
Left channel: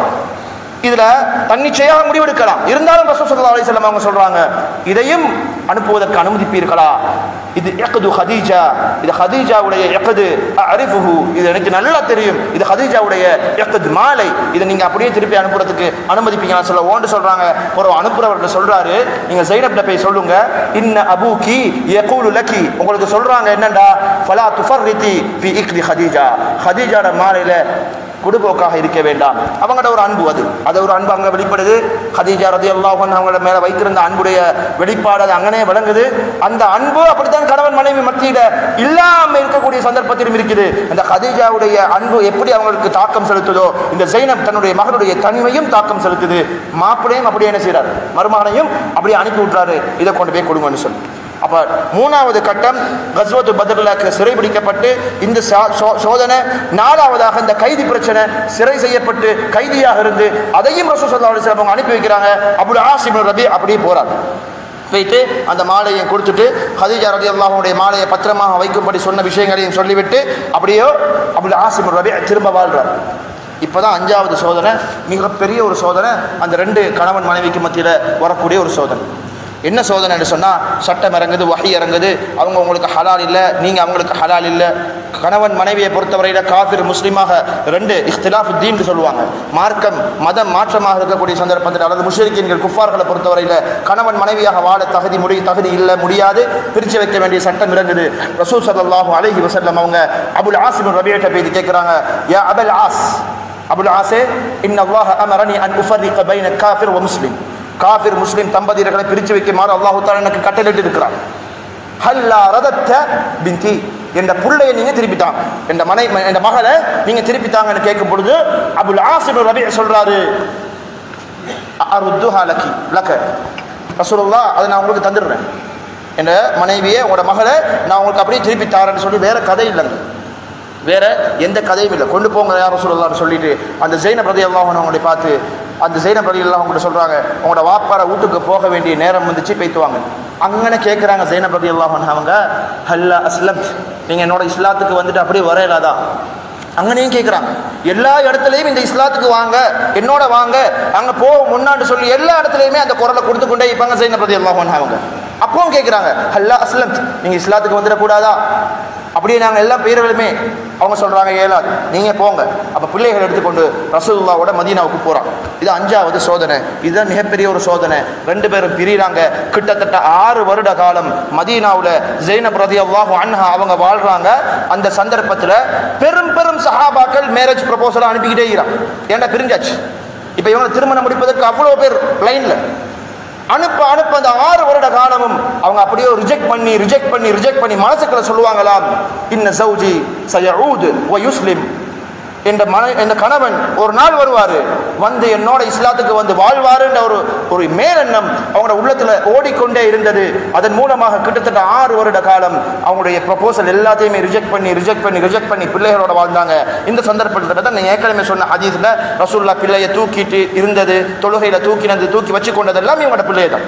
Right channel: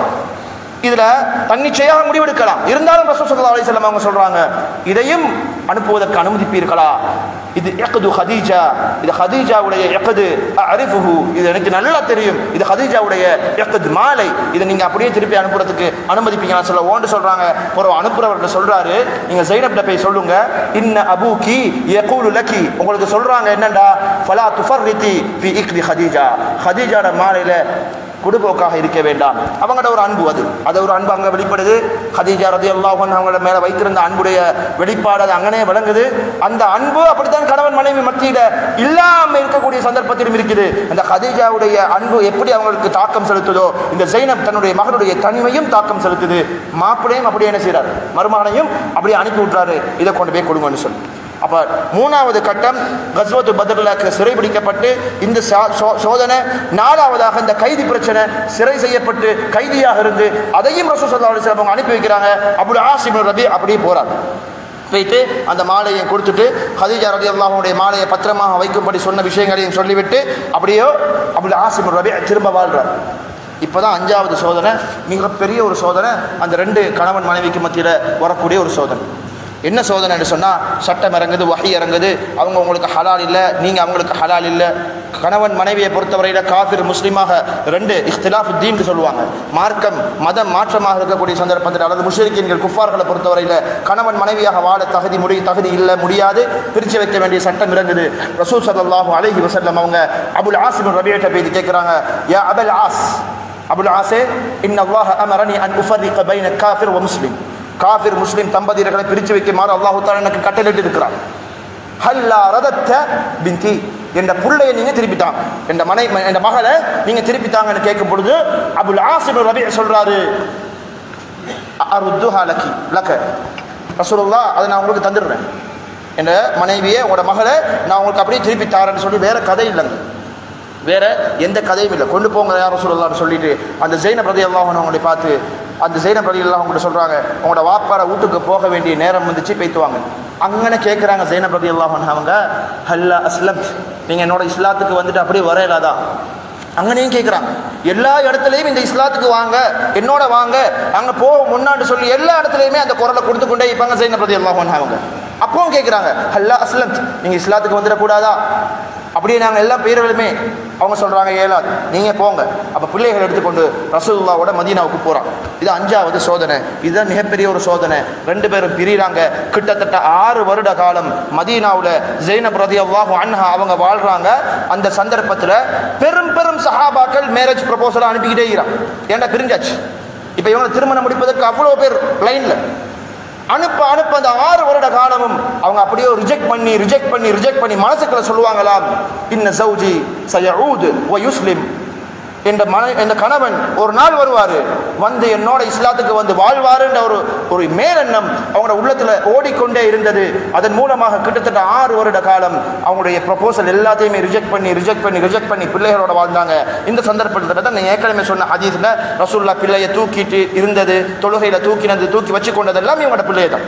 இதுல தன்னிச்சையாக முடிவெடுக்கலாம். இருந்தாலும் ரசூல் ஸல்லல்லாஹு அலைஹி வஸல்லம் அவங்க சொல்றாங்க, இதையும் அனுப்புவதற்கு அனுமதிப்பீர்களா? இது யக்து ஹதீஜா, இது ஹதீஜாவுடைய யக்து அரிஃபுஹு, இது எனக்கு நல்லா தெரியும், இது ஹதீஜாவுடைய யக்து மாலை, இதை நீங்க அப்படியே திருப்பி அனுப்புறதுக்கு அனுமதிப்பீங்களா சொல்ல ஓண்டு சொல்றாங்க. ஒரு அனுப்புறவர்கிட்ட சொல்றாரு, நீங்க ஸைனப்ட்ட போய் சொல்லுங்க, இன்ன அபூகி யகூலு லகி, உங்களுக்கு சொல்றாங்க என்னண்டா, ஃபலா துஃபர்ரிதி ஃபீ இக்தி ஹதீஜா, ஹதீஜாட மாலையில கொடுபோக்காக இருக்க வேண்டாம். அவங்களோட ஒரு அன்பு, அது ஒரு அன்பு அங்கே வெளிப்படுது. ஹதீஜா ரலியல்லாஹு அன்ஹா அவங்கள மேல வைத்திருந்த அன்புடைய வெளிப்பாடு அது அங்கனே விளங்குது. அந்த அன்பு அப்படித்தான் கணவன் மனைவி மத்தியில இல்லாம இருக்கக்கூடிய சந்தர்ப்பத்திலும் இருக்குது. அந்த ஹதீஜாவுடைய அன்பு எப்படி அவங்களுக்கு தாக்கம் செலுத்துதோ, இந்த ஸைனப் தன்னுடைய மகனுடைய தனிமையும் தாக்கம் செலுத்துது. மாப்பிளையும் அப்படியே என்ன செய்யறாரு, மருமகனையும் அப்படியே அனுப்பி விட்டுறாரு, இதை கொண்டு போய் கொடுங்கன்னு சொல்லி. அப்ப மூணாவது கட்டம் கஸ்வத்து பத்ர்ல சிறைபிடிக்கப்பட்டு இந்த சோதனை. நாலாவதாக இந்த கைதி பிரச்சனை, சிறை செய்யப்பட்டு கைதியாக இருந்து அதையும் ரசூல் ஸல்லல்லாஹு அலைஹி வஸல்லம் அனுப்பி வைக்கிறாங்க. அபுல் ஆஸ் இப்னு ரபீ அப்படியே போறார். போயிட்டு அந்த மாலையை கொடுத்துட்டு ஹதீஜா ரலியல்லாஹு அன்ஹா மாலையை பத்திரமாக வைக்கும்படி சொன்ன விஷயங்களையும் சொல்லிவிட்டு அப்படியே அபுல் ஆஸ் இப்னு ரபீ திரும்ப வாழ்றார். இப்பதான் அஞ்சாவது சோதனை, மிகப்பெரிய ஒரு சோதனை, அந்த 2 கணவன் மனைவிக்கு மத்தியில வரக்கூடிய ஒரு சோதனை. என்ன சோதனைன்னு சொன்னா, சட்டம் இறங்குது, வஹி இறங்குது, அவங்க உங்களுக்கு ஹலால் இல்லை, நீங்க அவங்களுக்கு ஹலால் இல்லை. கணவன் மனைவியை பொறுத்தவரையில காஃபிர் முஸ்லிமாக 2 இஹ்திலாஃப் தீன் சொல்லுவாங்க. மார்க்கம் மதம் மாற்றமாக இருக்கக்கூடிய சந்தர்ப்பத்தில் அல்லது முஷ்ரிக்கீன்கள் குஃபார்களை பொறுத்தவரையில கணவன் மனைவியாக வாழ தகுதி இல்லை, முடியாது, பிரிச்சு வைக்க வேண்டிய சட்டம் இறங்குது. ரசூல் ஸல்லல்லாஹு அலைஹி வஸல்லம் அவங்க அபுல் ஆஸ் இப்னு ரபீஅட்ட போய் கேட்கிறாங்க, யா அபுல் ஆஸ், அபுல் ஆஸே, இன்னல்லாஹ அமரனி அன் உஃபர்ரிக பைன காஃபிர் வ முஸ்லிம், காஃபிர் முஸ்லிம் தம்பதியர்களை பிரித்து வைக்குமாறு அல்லாஹ் தஆலா எனக்கு கட்டளையிட்டு இருக்கிறார். ஹல்லா ரதத்த பின்தி, என்ற புள்ளையை நீங்க திருப்பித்தாங்க, என்ற மகளை நீங்க திருப்பித்தாங்கன்னு கேட்கும் பொழுது அபுல் ஆஸ் இப்னு ரபீஅ சொல்றாரு, அருத்துஹா லகி லக, ரசூலுல்லாஹ் அதை நான் உங்களுக்கு தந்துடுறேன், என் மனைவியை உங்களோட மகளை நான் உங்களுக்கு அப்படியே திருப்பி தாரேன்னு சொல்லி வேற கதை இல்லைங்க, வேற எந்த கதையும் இல்லை. கொண்டு போங்க யாரும் சொல்லலாம்னு சொல்லிட்டு அந்த ஜெயினப் ரலியல்லாஹு அன்ஹு அவங்களை பார்த்து அந்த ஜெயினப் ரலியல்லாஹு அன்ஹு சொல்றாங்க, உங்களோட வாப்பார வீட்டுக்கு போக வேண்டிய நேரம் வந்துச்சு, போய்த்துவாங்க. அங்கே கேட்குறாங்க ஜெயினப் ரலியல்லாஹு அன்ஹு அவங்க, ஹல்லா அஸ்லம், நீங்க என்னோட இஸ்லாத்துக்கு வந்துட்டு அப்படியே வரையலாதா? அங்கனையும் கேட்குறாங்க. எல்லா இடத்துலையும் இந்த இஸ்லாத்துக்கு வாங்க, என்னோட வாங்க, அங்க போக முன்னாடி சொல்லி எல்லா இடத்துலையுமே அந்த குரலை கொடுத்து கொண்டே இருப்பாங்க ஜெயினப் ரலியல்லாஹு அன்ஹு அவங்க. அப்பவும் கேட்குறாங்க, ஹல்லா அஸ்லம், நீங்க இஸ்லாத்துக்கு வந்துடக்கூடாதா? அப்படியே நாங்கள் எல்லா பேர்களுமே அவங்க சொல்றாங்க, ஏலாது, நீங்க போங்க. அப்ப பிள்ளைகள் எடுத்துக்கொண்டு ரசூலுல்லாஹ்வோட மதீனாவுக்கு போறான். இது 5வது சோதனை. இதுதான் மிகப்பெரிய ஒரு சோதனை. 2 பேரும் பிரிறாங்க. கிட்டத்தட்ட 6 வருட காலம் மதீனாவுல ஜெயினப் ரலியல்லாஹு அன்ஹா அவங்க வாழ்றாங்க. அந்த சந்தர்ப்பத்தில் பெரும் பெரும் சஹாபாக்கள் மேரேஜ் ப்ரொபோசலை அனுப்பிக்கிட்டே இருக்கிறான். ஏன்னா பிரிஞ்சாச்சு. இப்ப இவங்க திருமணம் முடிப்பதற்கு அவ்வளவு பேர் லைன்ல அனுப்ப அந்த 6 வருட காலமும் அவங்க அப்படியே ரிஜெக்ட் பண்ணி மனசுக்குள்ள சொல்லுவாங்களாம், இன்ன ஜௌஜி சயஊது வ யுஸ்லிம், என்ற கணவன் ஒரு நாள் வருவாரு, வந்து என்னோட இஸ்லாத்துக்கு வந்து வாழ்வாருன்ற ஒரு மேலெண்ணம் அவங்களோட உள்ளத்துல ஓடிக்கொண்டே இருந்தது. அதன் மூலமாக கிட்டத்தட்ட 6 வருட காலம் அவங்களுடைய ப்ரொபோசல் எல்லாத்தையுமே ரிஜெக்ட் பண்ணி பிள்ளைகளோட வாழ்ந்தாங்க. இந்த சந்தர்ப்பத்தில் தான் ஏற்கனவே சொன்ன ஹதீஸ்ல ரசூலுல்லாஹ் பிள்ளையை தூக்கிட்டு இருந்தது, தொழுகையில தூக்கி வச்சு கொண்டதெல்லாம் இவங்களோட பிள்ளையை தான்.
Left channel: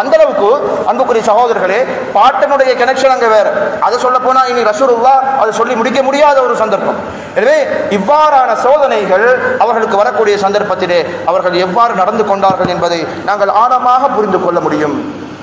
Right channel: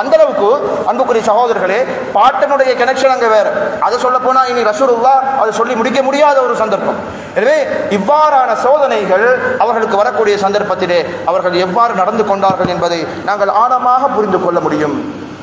அந்த அளவுக்கு அன்புக்குரிய சகோதரர்களே, பாட்டனுடைய கனெக்ஷன் அங்க வேற. அதை சொல்ல போனா இனி ரசூலுல்லாஹ் அதை சொல்லி முடிக்க முடியாத ஒரு சந்தர்ப்பம். எனவே இவ்வாறான சோதனைகள் அவர்களுக்கு வரக்கூடிய சந்தர்ப்பத்திலே அவர்கள் எவ்வாறு நடந்து கொண்டார்கள் என்பதை நாங்கள் ஆழமாக புரிந்து கொள்ள முடியும்,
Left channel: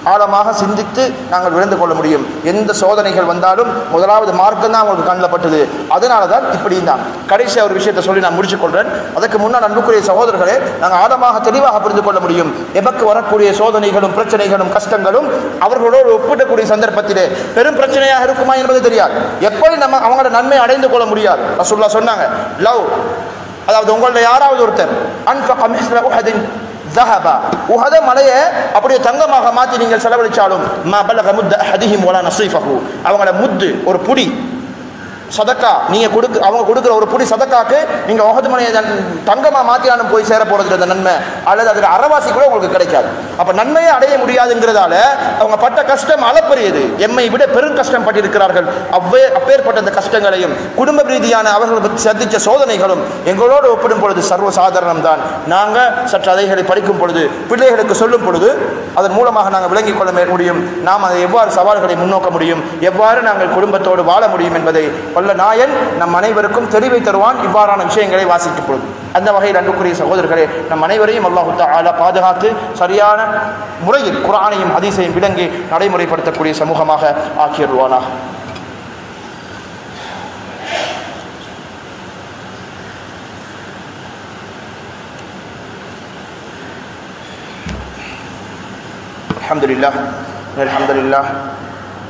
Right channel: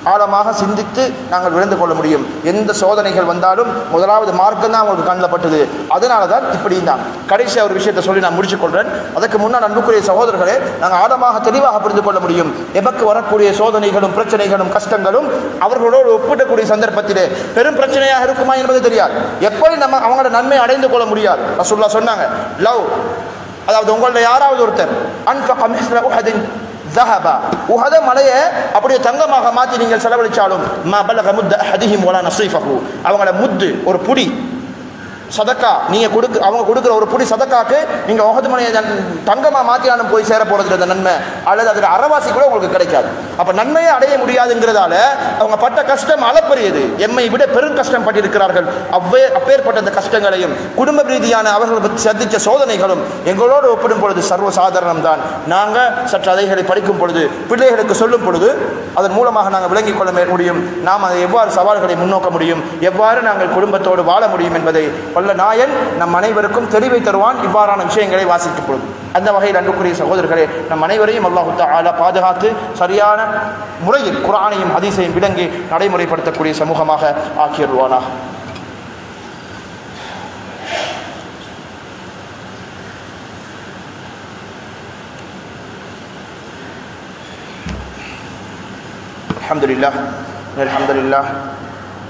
ஆழமாக சிந்தித்து நாங்கள் விழுந்து கொள்ள முடியும். எந்த சோதனைகள் வந்தாலும் முதலாவது மார்க்கம் தான் அவங்களுக்கு கண்ணில் பட்டது. அதனால தான் இப்படி இருந்தாங்க. கடைசியாக ஒரு விஷயத்தை சொல்லி நான் முடிச்சுக் கொள்றேன். அதற்கு முன்னால் அன்புக்குரிய சகோதரர்களே, நாங்கள் ஆழமாக தெளிவாக புரிந்து கொள்ள முடியும். எமக்கு வரக்கூடிய சோதனைகளும் பிரச்சனைகளும் கஷ்டங்களும் அவர்களோடு ஒப்பிடக்கூடிய சந்தர்ப்பத்திலே பெரும் பிரச்சனையாக இருக்குமா என்பது தெரியாது. எப்படி நம்ம அவங்களோட நன்மை அடைந்து கொள்ள முடியாது. ரசூலுல்லாஹ் சொன்னாங்க, லவ், அதாவது உங்களோட யாராவது ஒருத்தர் அன்ஃபக மிஸ்ல உஹதின் ذهبا உஹத மலையை அப்படியே தங்கமாக மாற்றி நீங்கள் செலவழிச்சாலும் மா பலக முத்த அஹதிஹிம் வலா நஸீஃபஹு, அவங்களோட முத்து ஒரு புடி சதக்கா அவங்க கொடுக்குற ஒரு புடி சதக்காக்கு நீங்க உஹது மலையை தங்கமா மாத்தியாலும் போய் சேர போறது அந்த நன்மை, அல்லது அதுக்கு அறவாசி கூட உங்களுக்கு கிடைக்காது. அப்ப நன்மையை அடைய முடியாதுங்கிறதால அவங்க பட்ட கஷ்டம் அளப்பரியது. எம்மை விட பெரும் கஷ்டம் பட்டிருக்கிறார்கள். அப்பேற்பட்ட அந்த கஷ்டங்களையும் குடும்ப ரீதியான அவர்கள் சந்தித்த சோதனைகளும் எங்களோடு ஒப்பிடும் பொழுது சர்வசாதாரணம் தான். நாங்க சற்று அதைகளை படிக்கும் பொழுது, பிள்ளைகளுக்கு சொல்லும் பொழுது அதன் மூலமாக நாங்கள் விளங்கிக் கொள்ள முடியும். நாம் அதை எவ்வாறு சவால்களை முன்னோக்க முடியும், எவ்வாறு நாங்கள் குடும்பத்தோடு வாழ முடியும் என்பதை வல்ல நாயன் நம் அனைவருக்கும் தெளிவை தருவான் இவ்வாறான விஷயங்களை வாசிக்கும் பொழுது. அந்த வகையில் அன்புக்குரிய சகோதரர்களே, நம் அனைவரையும் அல்லாஹ் தஆலா பாதுகாத்து சரியான முறையில் குர்ஆனையும் ஹதீஸையும் விளங்கி நடைமுறைப்படுத்தக்கூடிய சமூகமாக ஆக்கியருவானாக. அல்ஹம்துலில்லாஹ்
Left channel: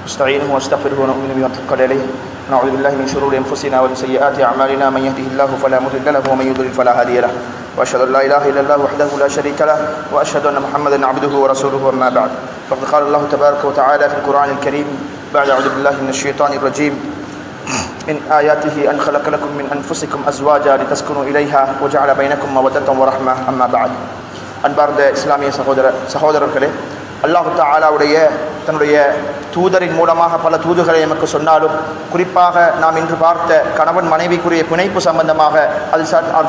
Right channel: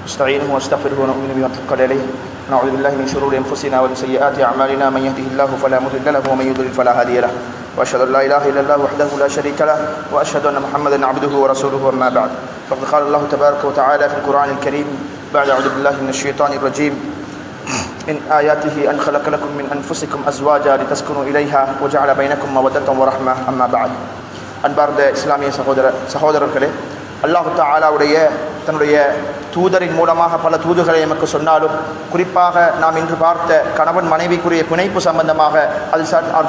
நஸ்தஈனுஹு வனஸ்தக்ஃபிருஹு வனு'மினு பிஹி வனத்தவக்கலு அலைஹி ونعوذ بالله من شرور انفسنا ومن سيئات اعمالنا من يهده الله فلا مضل له ومن يضلل فلا هادي له واشهد ان لا اله الا الله وحده لا شريك له واشهد ان محمدا عبده ورسوله اما بعد فقد قال الله تبارك وتعالى في القران الكريم بعد اعوذ بالله من الشيطان الرجيم من آياته أن خلق لكم من أنفسكم أزواجا لتسكنوا إليها وجعل بينكم مودة ورحمة أما بعد. அன்பார்ந்த இஸ்லாமிய சகோதரர்களே, அல்லாஹ் தஆலாவுடைய தன்னுடைய தூதரின் மூலமாக பல தூதுகளை நமக்கு சொன்னாலும், குறிப்பாக நாம் இன்று பார்த்த கணவன் மனைவிக்குரிய பிணைப்பு சம்பந்தமாக அது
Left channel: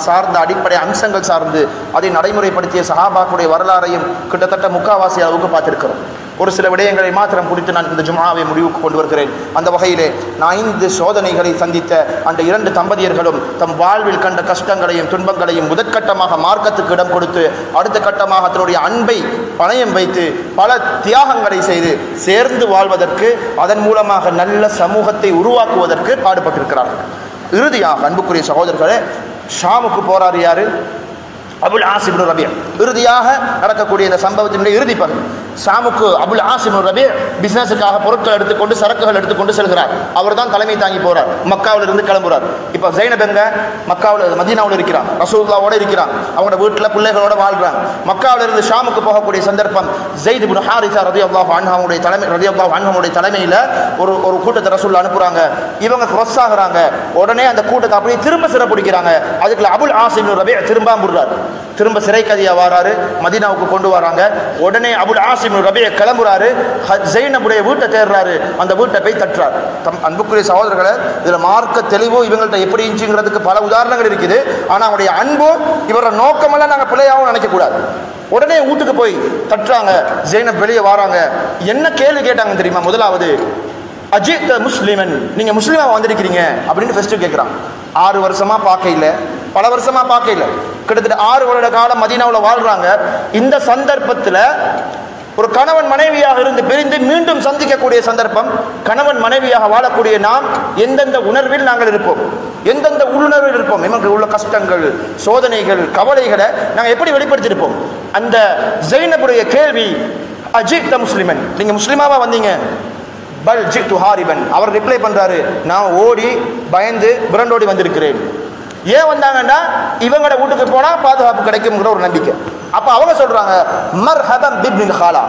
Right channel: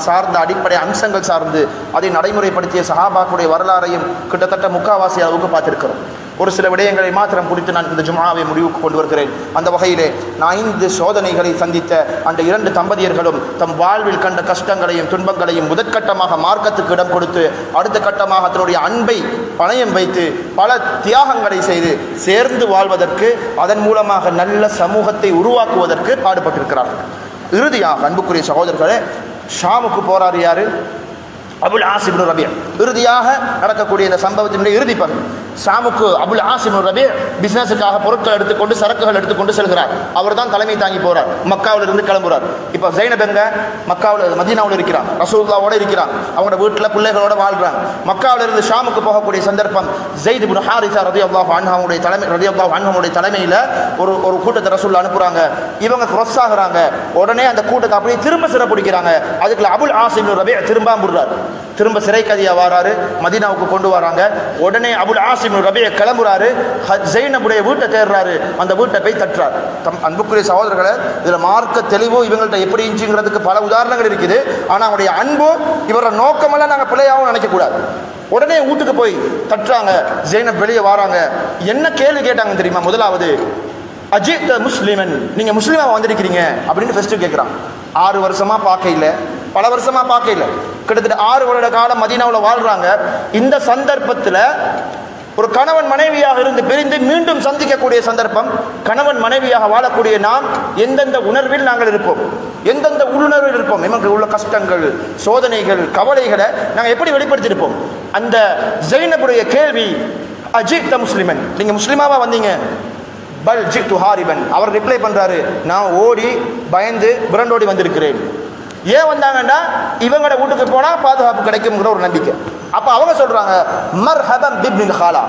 சார்ந்த அடிப்படை அம்சங்கள் சார்ந்து அதை நடைமுறைப்படுத்திய சஹாபாக்களுடைய வரலாறையும் கிட்டத்தட்ட முக்காவாசி அளவுக்கு பார்த்திருக்கிறோம். ஒரு சில விடயங்களை மாத்திரம் குறித்து நான் இந்த ஜும்ஆவை முடிவுக்கு கொண்டு வருகிறேன். அந்த வகையிலே 5 சோதனைகளை சந்தித்த அந்த 2 தம்பதியர்களும் தம் வாழ்வில் கண்ட கஷ்டங்களையும் துன்பங்களையும் முதற்கட்டமாக மார்க்கத்துக்கு இடம் கொடுத்து, அடுத்த கட்டமாக தன்னுடைய அன்பை பணயம் வைத்து பல தியாகங்களை செய்து சேர்ந்து வாழ்வதற்கு, அதன் மூலமாக நல்ல சமூகத்தை உருவாக்குவதற்கு பாடுபட்டிருக்கிறார்கள். இறுதியாக அன்புக்குரிய சகோதரர்களே, ஷாமுக்கு போறாரு யாரு? அபுல் ஆஸ் இப்னு ரபீ. இறுதியாக நடக்கக்கூடிய இந்த சம்பவத்தினுடைய இறுதி பகுதி. ஷாமுக்கு அபுல் ஆஸ் இப்னு ரபீ பிசினஸுக்காக பொருட்கள் எடுத்துக்கொண்டு சரக்குகள் எடுத்துக்கொண்டு செல்கிறார். அவர் தான் தலைமை தாங்கி போறார். மக்காவில் இருந்து கிளம்புறார். இப்ப ஜைனப் எங்க? மக்காவில் மதீனாவில் இருக்கிறார். ரசூலுல்லாஹ்வோட இருக்கிறார். அவங்களோட வீட்டுல பிள்ளைகளோட வாழ்றாங்க. மக்காவில் இருந்து ஷாமுக்கு போகக்கூடிய சந்தர்ப்பம். ஸைத் இப்னு ஹாரிஸா ரலியல்லாஹு அன்ஹுடைய தலைமையில ஒரு கூட்டத்தை ரசூலுல்லாஹ் அனுப்புறாங்க. இவங்க கிராஸ் ஆகுறாங்க. உடனே அந்த கூட்டத்தை அப்படியே திரும்ப சிறப்பிடிக்கிறாங்க. அதுக்குள்ள அபுல் ஆஸ் இப்னு ரபீ திரும்ப முடுறார். திரும்ப சிறை கைதியா வராரு, மதீனாவுக்கு கொண்டு வராங்க. உடனே அபுல் ஆசிம் ரபிய கிளம்புறாரு, ஜைனபுடைய வீட்டை தேடுறாரு, அந்த வீட்டை போய் தட்டுறாரு. அன்புக்குரிய சகோதரர்களை, இதுல மார்க்க தெளிவு இவங்கள்ட்ட எப்படி இருந்துச்சுங்கிறதுக்கு பல உதாரணங்கள் இருக்குது. ஆனா அவருடைய அன்பு, இவரோட நோக்கமெல்லாம் நாங்க பிள்ளையாவும் நினைக்க கூடாது. உடனே வீட்டுக்கு போய் தட்டுறாங்க, ஜைனப் வெளியே வராங்க. என்ன கேள்வி கேட்டாங்க தெரியுமா? முதலாவது, அஜித் முஸ்லிமன், நீங்க முஸ்லிமா வந்திருக்கிறீங்க அப்படின்னு ஃபர்ஸ்ட் கேட்கிறான். 6 வருஷமா பார்க்க இல்லை, பல வருஷமா பார்க்க இல்லை, கிட்டத்தட்ட 6 வருட காலம் மதீனாவில் வாழ்றாங்க. இந்த சந்தர்ப்பத்தில் ஒரு கணவன் மனைவியாக இருந்து பிரிந்து மீண்டும் சந்திக்கக்கூடிய சந்தர்ப்பம். கணவன் மனைவியாக வாழக்கூடிய நாம் எந்தெந்த உணர்வில் நாங்கள் இருப்போம், எந்தெந்த உள்ளுணர்வில் இருப்போம், நமக்கு உள்ள கஷ்டங்கள், சோதனைகள், கவலைகளை நாங்கள் எப்படி வெளிப்படுத்தியிருப்போம். அந்த ஜைனபுடைய கேள்வி, அஜித் முஸ்லிமன், நீங்க முஸ்லிமாவா வந்தீங்க? பல் ஜித்து ஹாரிபன், அவர் ரிப்ளை பண்றாரு, நான் ஓடி பயந்து விரண்டோடி வந்திருக்கிறேன். ஏன் வந்தாங்கன்னா இவங்களோட வீட்டுக்கு போனா பாதுகாப்பு கிடைக்கும்ங்கிற ஒரு நம்பிக்கை. அப்ப அவங்க சொல்றாங்க, மர்ஹபம் பிப்னில் ஹாலா,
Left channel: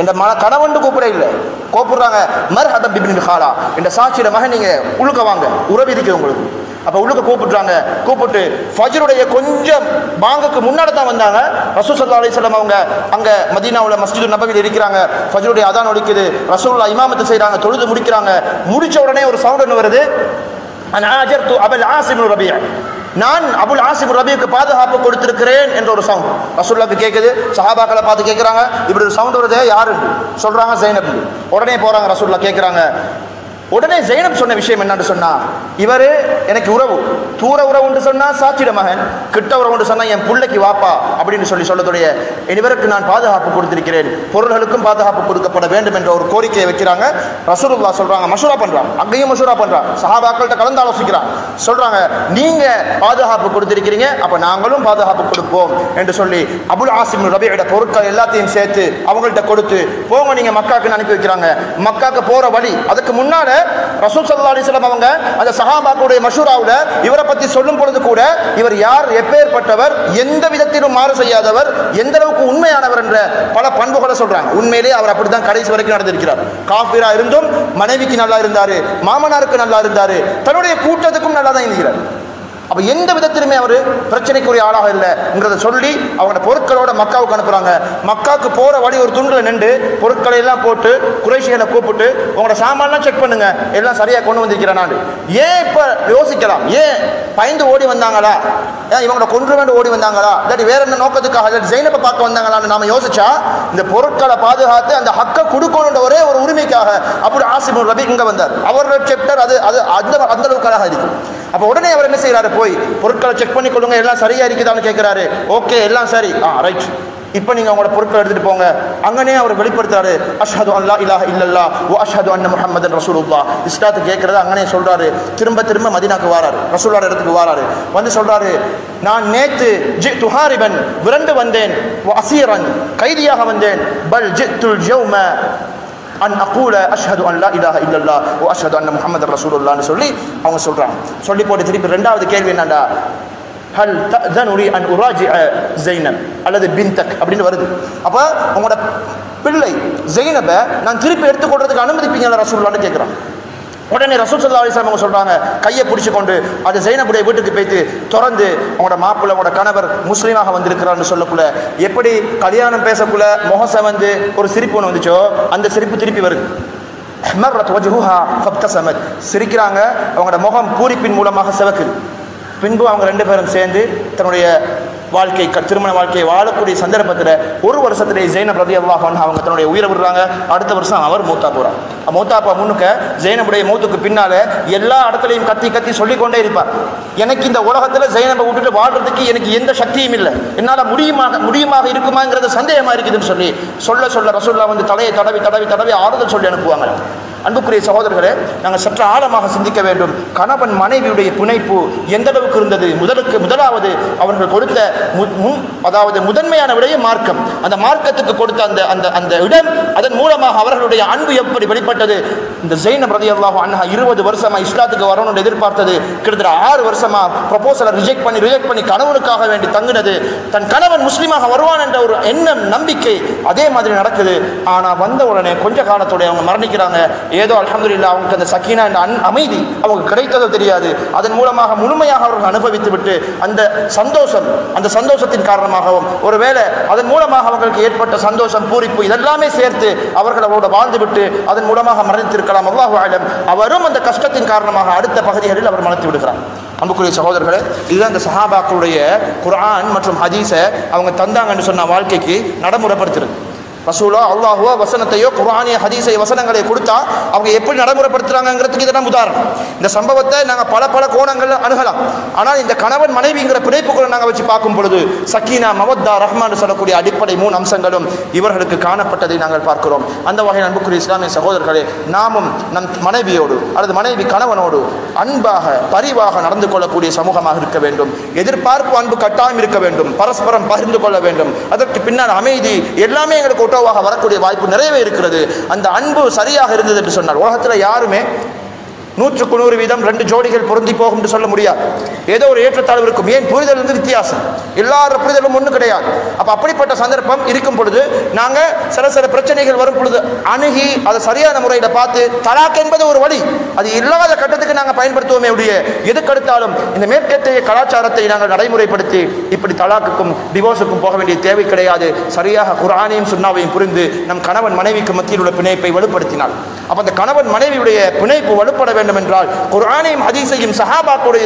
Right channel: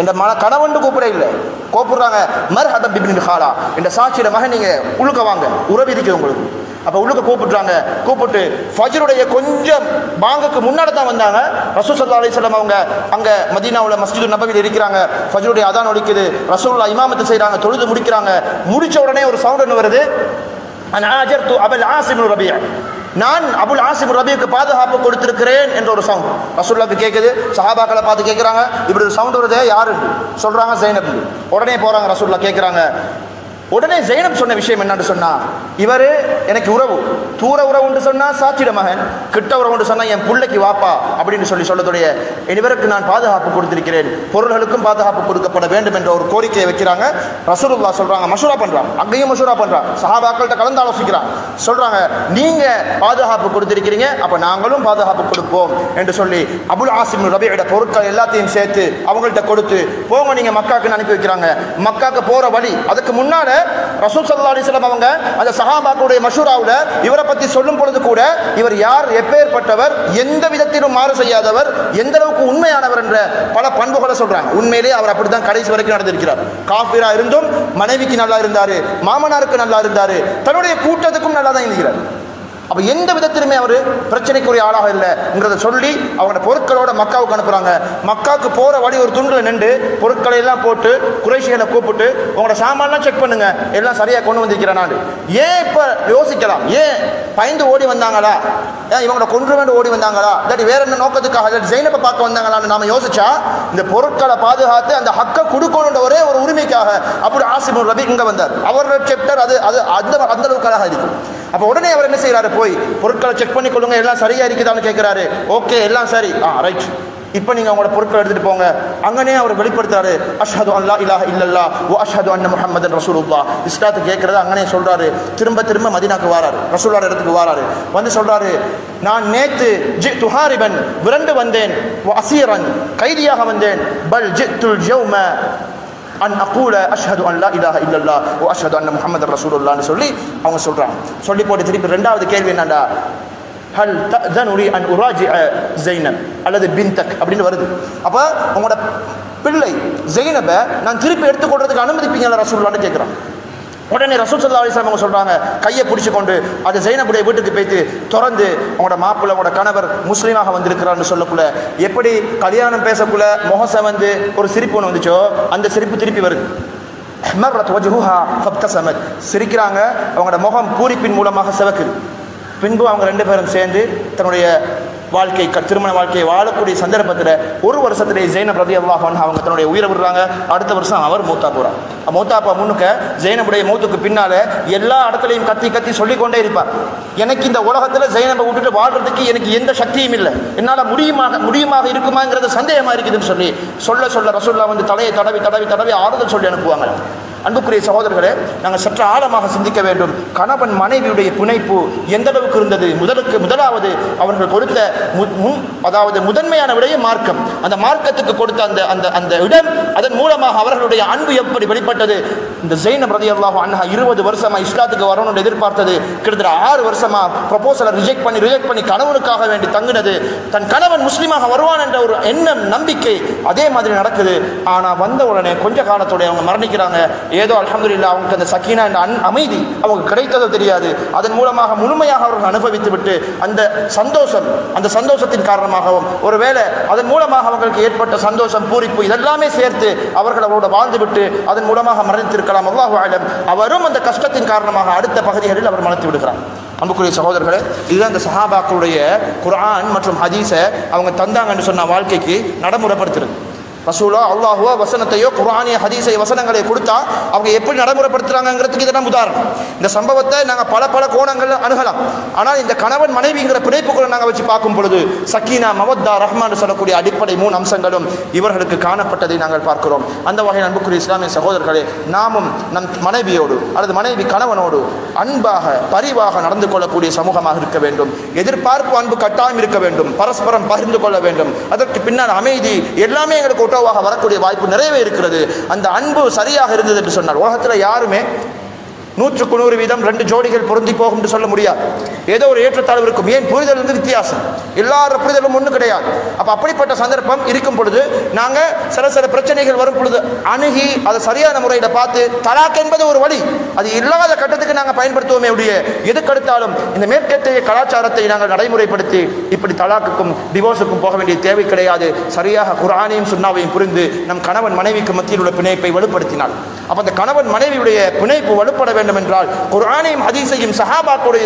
இந்த கணவன் கூப்பிட இல்லை, கூப்பிடுறாங்க மர்ஹபம் பிப்னில் ஹாலா, இந்த சாட்சியில மகன் நீங்க உழுக்க வாங்க, உறவு இருக்கு உங்களுக்கு. அப்ப உள்ளுக்கு கூப்பிடுறாங்க. கூப்பிட்டு ஃபஜ்ருடைய கொஞ்சம் பாங்குக்கு முன்னாடி தான் வந்தாங்க. ரசூல் ஸல்லல்லாஹு அலைஹி வஸல்லம் அவங்க அங்க மதீனாவுல மஸ்ஜிது நபவியில் இருக்கிறாங்க. ஃபஜ்ருடைய அதான் ஒலிக்குது, ரசூலுல்லாஹ் இமாமத்து செய்றாங்க, தொழுது முடிக்கிறாங்க. முடிச்ச உடனே ஒரு சவுண்ட் ஒன்று வருது, அன் ஆஜர்து அபுல் ஆசிம் ரபிய, நான் அபுல் ஆசிம் ரபிக்கு பாதுகாப்பு கொடுத்திருக்கிறேன் என்ற ஒரு சவுண்ட் ரசூலுல்லாஹ்க்கு கேட்குது. சஹாபாக்களை பார்த்து கேட்கிறாங்க, இப்படி ஒரு சவுண்ட் வருது, யாரு? சொல்றாங்க ஜைனப். உடனே போறாங்க, ரசூலுல்லாஹ் கேட்கிறாங்க. உடனே ஜைனப் சொன்ன விஷயம் என்னன்னு சொன்னா, இவரு எனக்கு உறவு, தூர உறவு சொன்னா சாட்சிட மகன், கிட்ட உறவு சொன்னா என் பிள்ளைக்கு வாப்பா அப்படின்னு சொல்லக்கூடிய இவருக்கு நான் பாதுகாப்பு கொடுத்திருக்கிறேன், பொருள்களுக்கும் பாதுகாப்பு கொடுக்கப்பட வேண்டும் என்ற ஒரு கோரிக்கையை வைக்கிறாங்க. ரசூலுல்லாஹ் சொல்றாங்க, மஷூரா பண்றாங்க, அங்கேயும் மஷூரா பண்றாங்க, சஹாபாக்கள்கிட்ட கலந்து ஆலோசிக்கிறாங்க. சொல்றாங்க, நீங்க பாதுகாப்பு கொடுத்திருக்கிறீங்க, அப்ப நாங்களும் பாதுகாப்பு கொடுப்போம் என்று சொல்லி அபுல் ஆசிம் ரபியோட பொருட்கள் எல்லாத்தையும் சேர்த்து அவங்கள்ட்ட கொடுத்து போங்க நீங்க மக்காவுக்கு அனுப்பி வைக்கிறாங்க. மக்காவுக்கு போற வழி, அதுக்கு முன்னால ரசூல் ஸல்லல்லாஹு அலைஹி வஸல்லம் அவங்க அந்த சஹாபாக்களுடைய மஷூராவுல இவரை பத்தி சொல்லும் பொழுது கூட, இவர் யார், எப்பேற்பட்டவர், எந்த விதத்திலும் மாறு செய்யாதவர், எந்த அளவுக்கு உண்மையானவர் என்ற பல பண்புகளை சொல்றாங்க. உண்மையிலேயே அவர் அப்படித்தான் கடைசி வரைக்கும் நடந்திருக்கிறார். காஃபிரா இருந்தும் மனைவிக்கு நல்லா இருந்தாரு, மாமனாருக்கு நல்லா இருந்தாரு, தன்னுடைய கூட்டத்துக்கும் நல்லா தான் இருக்கிறார். அப்ப எந்த விதத்திலுமே அவர் பிரச்சனைக்குரிய ஆளாக இல்லைங்கிறத சொல்லி அவங்க பொருட்களோட மக்காவுக்கு அனுப்புறாங்க. மக்காவுக்கு போற வழி ஒரு துண்டுல நின்று பொருட்களை எல்லாம் போட்டு குறைஷிகளை கூப்பிட்டு, உங்களோட சாமான்லாம் செக் பண்ணுங்க, எல்லாம் சரியா கொண்டு வந்திருக்கிறேன் நான். ஏன் இப்ப யோசிக்கலாம், ஏன் பயந்து ஓடி வந்தாங்களா, ஏன் இவங்களோட கொன்று வேண்டு ஓடி வந்தாங்களா, இல்லாட்டி வேற என்ன நோக்கத்துக்காக ஜைனப்பை பார்க்க வந்தாங்களான்னு நாம யோசிச்சா, இந்த பொருட்களை பாதுகாத்து அந்த ஹக்கை கொடுக்கணுன்ற ஒரே ஒரு உரிமைக்காக அபுல் ஆசிம் ரபி இங்க வந்தார். அவரோட செப்டர் அது அந்த அளவுக்கு அழகா இருக்கு. அப்ப உடனே அவர் என்ன செய்யறாரு, போய் பொருட்களை செக் பண்ணி கொள்ளுங்க, எல்லாம் சரியா இருக்குதான்னு கேட்கிறாரு. ஓகே, எல்லாம் சரி, ரைட், இப்ப நீங்க உங்களோட பொருட்களை எடுத்துட்டு போங்க. அங்கனே அவர் வெளிப்படுத்துறாரு, அஷ்ஹது அல்லா இலாஹ இல்லல்லாஹ் வ அஷ்ஹது அன்ன முஹம்மதன் ரசூலுல்லாஹ், இஸ்லாத்து கேட்கறத அங்கனே சொல்றாரு. திரும்ப மதீனாக்கு வராரு, ரசூலுல்லாஹ் இடத்துக்கு வராரு. வந்து சொல்றாரு, நான் நேத்து ஜித்து ஹாரிபன், விரண்டு வந்தேன், வ அஸீரன், கைதியாக வந்தேன், பல் ஜித்துல் யௌம அன் அகூல அஷ்ஹது அன் லா இலாஹ இல்லல்லாஹ் வ அஷ்ஹது அன்ன முஹம்மதன் ரசூலுல்லாஹ்னு சொல்லி அவங்க சொல்றாங்க. சொல்லி போட்டு திருப்பி ரெண்டாவது கேள்வி என்னடா, ஹல் தஅதனு அன் உராஜிஅ ஸைனப் அல்லது பின்தக் அப்படின்னு வருது. அப்ப உங்களோட பிள்ளை ஸைனபை நான் திருப்பி எடுத்துக்கொள்றதுக்கு அனுமதிப்பீங்களா ரசூலுல்லாஹ்னு கேட்கிறான். உடனே ரசூல் ஸல்லல்லாஹு அலைஹி வஸல்லம் சொல்றாங்க, கையை பிடிச்சு கொண்டு அது ஸைனபுடைய வீட்டுக்கு போயிட்டு திறந்து, உங்களோட மாப்பிள்ளை, உங்களோட கணவர் முஸ்லீமாக வந்திருக்கிறான்னு சொல்லக்குள்ள, எப்படி கல்யாணம் பேசக்குள்ள முகச வந்து ஒரு சிரிப்பு ஒன்று வந்துச்சோ, அந்த சிரிப்பு திருப்பி வருது. சிரிக்கிறாங்க, அவங்களோட முகம் பூரிப்பின் மூலமாக சிவக்குது. பின்பு அவங்க 2 பேரும் சேர்ந்து தன்னுடைய வாழ்க்கை, திருமண வாழ்க்கையை வாழக்கூடிய சந்தர்ப்பத்தில் ஒரு வருஷத்திலே ஜைனப் ரலியல்லாஹு அன்ஹா அவங்க தன்னுடைய உயிரை விடுறாங்க. அடுத்த வருஷம் அவர் மூத்தா போறார். மூத்தாப்பா முன்னுக்க ஜைனபுடைய மூத்துக்கு பின்னால எல்லா இடத்துலையும் கத்தி சொல்லிக்கொண்டே இருப்பார், எனக்கு இந்த உலகத்துல ஜைனபை விட்டுட்டு வாழ்றதுக்கு எனக்கு எந்த சக்தியும் இல்லை, என்னால முடியுமாக இருக்குமாங்கிறது சந்தேகமா இருக்குதுன்னு சொல்ல ரசூலுல்லாஹ் வந்து தலையை தடவி ஆறுதல் சொல்லி அனுப்புவாங்க. அன்புக்குரிய சகோதரர்களே, நாங்கள் சற்று ஆழமாக சிந்திக்க வேண்டும். கணவன் மனைவியுடைய பிணைப்பு எந்த அளவுக்கு இருந்தது? முதலாவது அவர்கள் கொடுத்த அதாவது முதன்மையான விடயம் மார்க்கம். அந்த மார்க்கத்துக்கு கொடுத்த அந்த இடம், அதன் மூலமாக அவர்களுடைய அன்பு எப்படி வெளிப்பட்டது? இந்த ஸைனப் ரலியல்லாஹு அன்ஹா 20 வருஷமா இஸ்லாத்துக்கு வரணும்னு எதிர்பார்த்தது, கிட்டத்தட்ட 6 வருஷமா ப்ரொபோசலை ரிஜெக்ட் பண்ணி கணவனுக்காக வேண்டி தங்கினது, தன் கணவன் முஸ்லீமாக வருவான் என்ற ஒரு எண்ணம், நம்பிக்கை, அதே மாதிரி நடக்குது. ஆனா வந்த உடனே கொஞ்ச காலத்தோட அவங்க மரணிக்கிறாங்க. ஏதோ அல்ஹம்துலில்லாஹ் அவங்களுக்கு அந்த சக்கீனா அமைதி அவங்க கிடைத்ததோ தெரியாது. அதன் மூலமாக முழுமையாக அவர்கள் அனுபவித்து விட்டு அந்த சந்தோஷத்தின் காரணமாகவும் ஒருவேளை அதன் மூலமாக அவங்களுக்கு ஏற்பட்ட சந்தோஷம் பூரிப்பு இதெல்லாமே சேர்த்து அவர்கள் அவரோட வாழ்ந்துவிட்டு அதன் மூலமாக மரணித்திருக்கலாம். அல்லாஹு அலம். அவரும் அந்த கஷ்டத்தின் காரணமாக அடுத்த பகுதிகளில் அவர் மரணித்து விடுகிறார். அன்புக்குரிய சகோதரர்களே, இதுதான் இந்த சஹாபாக்களுடைய குர்ஆன் மற்றும் ஹதீஸை அவங்க தந்தாங்கன்னு சொன்ன வாழ்க்கைக்கு நடைமுறைப்படுத்துறது. ரசூலோ அல்லாஹுவோ வசனத்தையோ குர்ஆனிய ஹதீஸை வசனங்களை கொடுத்தா அவங்க எப்படி நடைமுறைப்படுத்துறாங்கிறதுக்கு இதெல்லாம் உதாரணம். இந்த சம்பவத்தை நாங்கள் பல கோணங்கள்ல அணுகலாம். ஆனால் இந்த கணவன் மனைவிங்கிற பிணைப்புகளை நாங்கள் வச்சு பார்க்கும் பொழுது சக்கீனா மவத்தா ரஹ்மான் சொல்லக்கூடிய அடிப்படை 3 அம்சங்களும் இவர்களுக்கு காணப்பட்டதை நாங்கள் பார்க்கிறோம். அந்த வகையில் அன்புக்குரிய இஸ்லாமிய சகோதரர்களே, நாமும் நம் மனைவியோடு அல்லது மனைவி கணவனோடு அன்பாக பரிவாக நடந்து கொள்ளக்கூடிய சமூகமாக இருக்க வேண்டும். எதிர்பார்ப்பு அன்பு கட்டாயம் இருக்க வேண்டும். பரஸ்பரம் பகிர்ந்து கொள்ள வேண்டும். அதற்கு பின்னால் அமைதி எல்லாமே எங்களுக்கு வரக்கூடிய வாய்ப்பு நிறையவே இருக்கிறது. அந்த அன்பு சரியாக இருந்தது என்று சொன்னார் உலகத்தில் யாருமே 100% 2 ஜோடிகள் பொருந்தி போகும் என்று சொல்ல முடியாது. ஏதோ ஒரு ஏற்றத்தாழ்வு இருக்கும். ஏன்? புரிதல் வந்து வித்தியாசம். எல்லார புரிதலும் ஒன்று கிடையாது. அப்ப அப்படிப்பட்ட சந்தர்ப்பம் இருக்கும் பொழுது நாங்க சில பிரச்சனைகள் வரும் பொழுது அணுகி அதை சரியான முறையில பார்த்து தலாக் என்பது ஒரு வழி. அது இல்லாத கட்டத்துக்கு நாங்கள் பயன்படுத்துவோமே உடைய எதுக்கடுத்தாலும் இந்த மேற்கத்திய கலாச்சாரத்தை நாங்கள் நடைமுறைப்படுத்தி இப்படி தலாக்குக்கும் டிவோர்ஸுக்கும் போக வேண்டிய தேவை கிடையாது. சரியாக குர்ஆனையும் சுன்னாவையும் புரிந்து நம் கணவன் மனைவிக்கு மத்தியில் உள்ள பிணைப்பை வலுப்படுத்தினார். அப்ப அந்த கணவன் மனைவியுடைய பிணைப்பு வலுப்பட வேண்டும் என்றால் குர்ஆனையும் ஹதீஸையும் சஹாபாக்களுடைய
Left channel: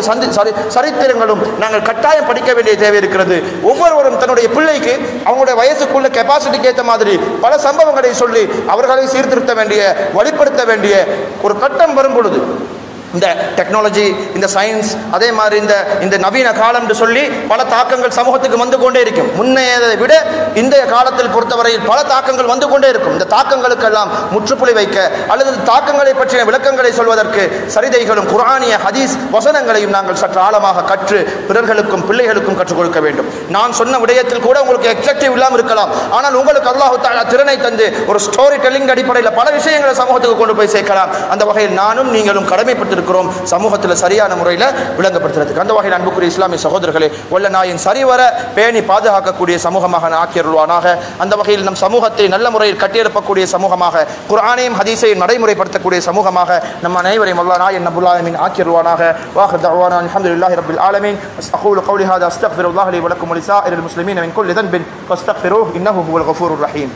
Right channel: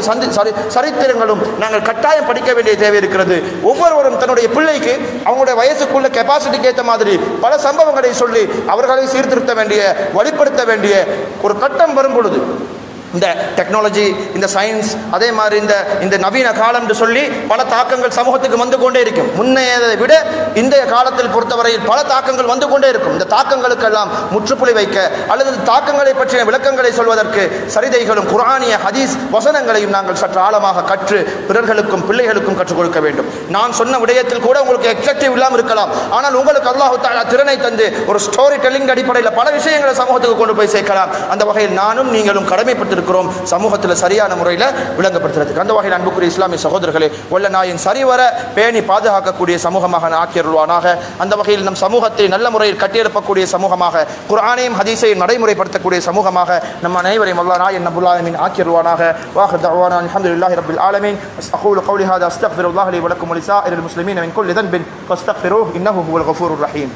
சரித்திரங்களும் நாங்கள் கட்டாயம் படிக்க வேண்டிய தேவை இருக்கிறது. ஒவ்வொருவரும் தன்னுடைய பிள்ளைக்கு அவங்களுடைய வயசுக்குள்ள கெபாசிட்டிக்கு ஏற்ற மாதிரி பல சம்பவங்களை சொல்லி அவர்களை சீர்திருத்த வேண்டிய வழிப்படுத்த வேண்டிய ஒரு கட்டம் வரும் பொழுது இந்த டெக்னாலஜி இந்த சயின்ஸ் அதே மாதிரி இந்த நவீன காலம் என்று சொல்லி பல தாக்கங்கள் சமூகத்துக்கு வந்து கொண்டே இருக்கும். முன்னையதை விட இந்த காலத்தில் பொறுத்தவரையில் பல தாக்கங்கள் வந்து கொண்டே இருக்கும். இந்த தாக்கங்களுக்கெல்லாம் முற்றுப்புள்ளி வைக்க அல்லது தாக்கங்களை பற்றிய விளக்கங்களை சொல்வதற்கு சரிதைகளும் குர்ஆனிய ஹதீஸ் வசனங்களையும் நாங்கள் சற்று ஆழமாக கற்று பிறர்களுக்கும் பிள்ளைகளுக்கும் கற்றுக் கொடுக்க வேண்டும். நான் சொன்ன விடயத்தில் கூட உங்களுக்கு எக்ஸெக்டிவ் இல்லாமல் இருக்கலாம். ஆனால் உங்களுக்கு அல்லாஹ் தஆலா திறனை தந்து ஒரு ஸ்டோரி டெல்லிங் அடிப்படையில் பல விஷயங்களை சமூகத்துக்கு கொண்டு போய் சேர்க்கலாம். அந்த வகையில் நானும் நீங்களும் கடமைப்பட்டு சமூகத்தில் சரியான முறையில் விளங்கப்படுத்துறதுக்கு. அந்த வகையில் அன்புக்குரிய இஸ்லாமிய சகோதரர்களே, வல்ல நாயன் சரிவர பேணி பாதுகாக்கக்கூடிய சமூகமாக ஆக்கியருள்வானாக. அந்த வகையில் நம் சமூகத்தை நல்ல முறையில் கட்டியெழுப்பக்கூடிய சமூகமாக குர்ஆனையும் ஹதீஸையும் நடைமுறைப்படுத்தக்கூடிய சமூகமாக நம் அனைவரையும் வல்ல நாயன் ரப்புல் ஆலமீன் ஆக்கியருள்வானாக. வாஹிர் தஅவானா அல்ஹம்துலில்லாஹி ரப்பில் ஆலமீன். அஸ்தக்ஃபிரு கௌலி ஹாதா அஸ்தக்ஃபிருல்லாஹ லி வ லக்கும் வ லிசாஇரில் முஸ்லிமீன மின் குல்லி தன்பின் ஃபஸ்தக்ஃபிருஹு இன்னஹு ஹுவல் கஃபூருர் ரஹீம்.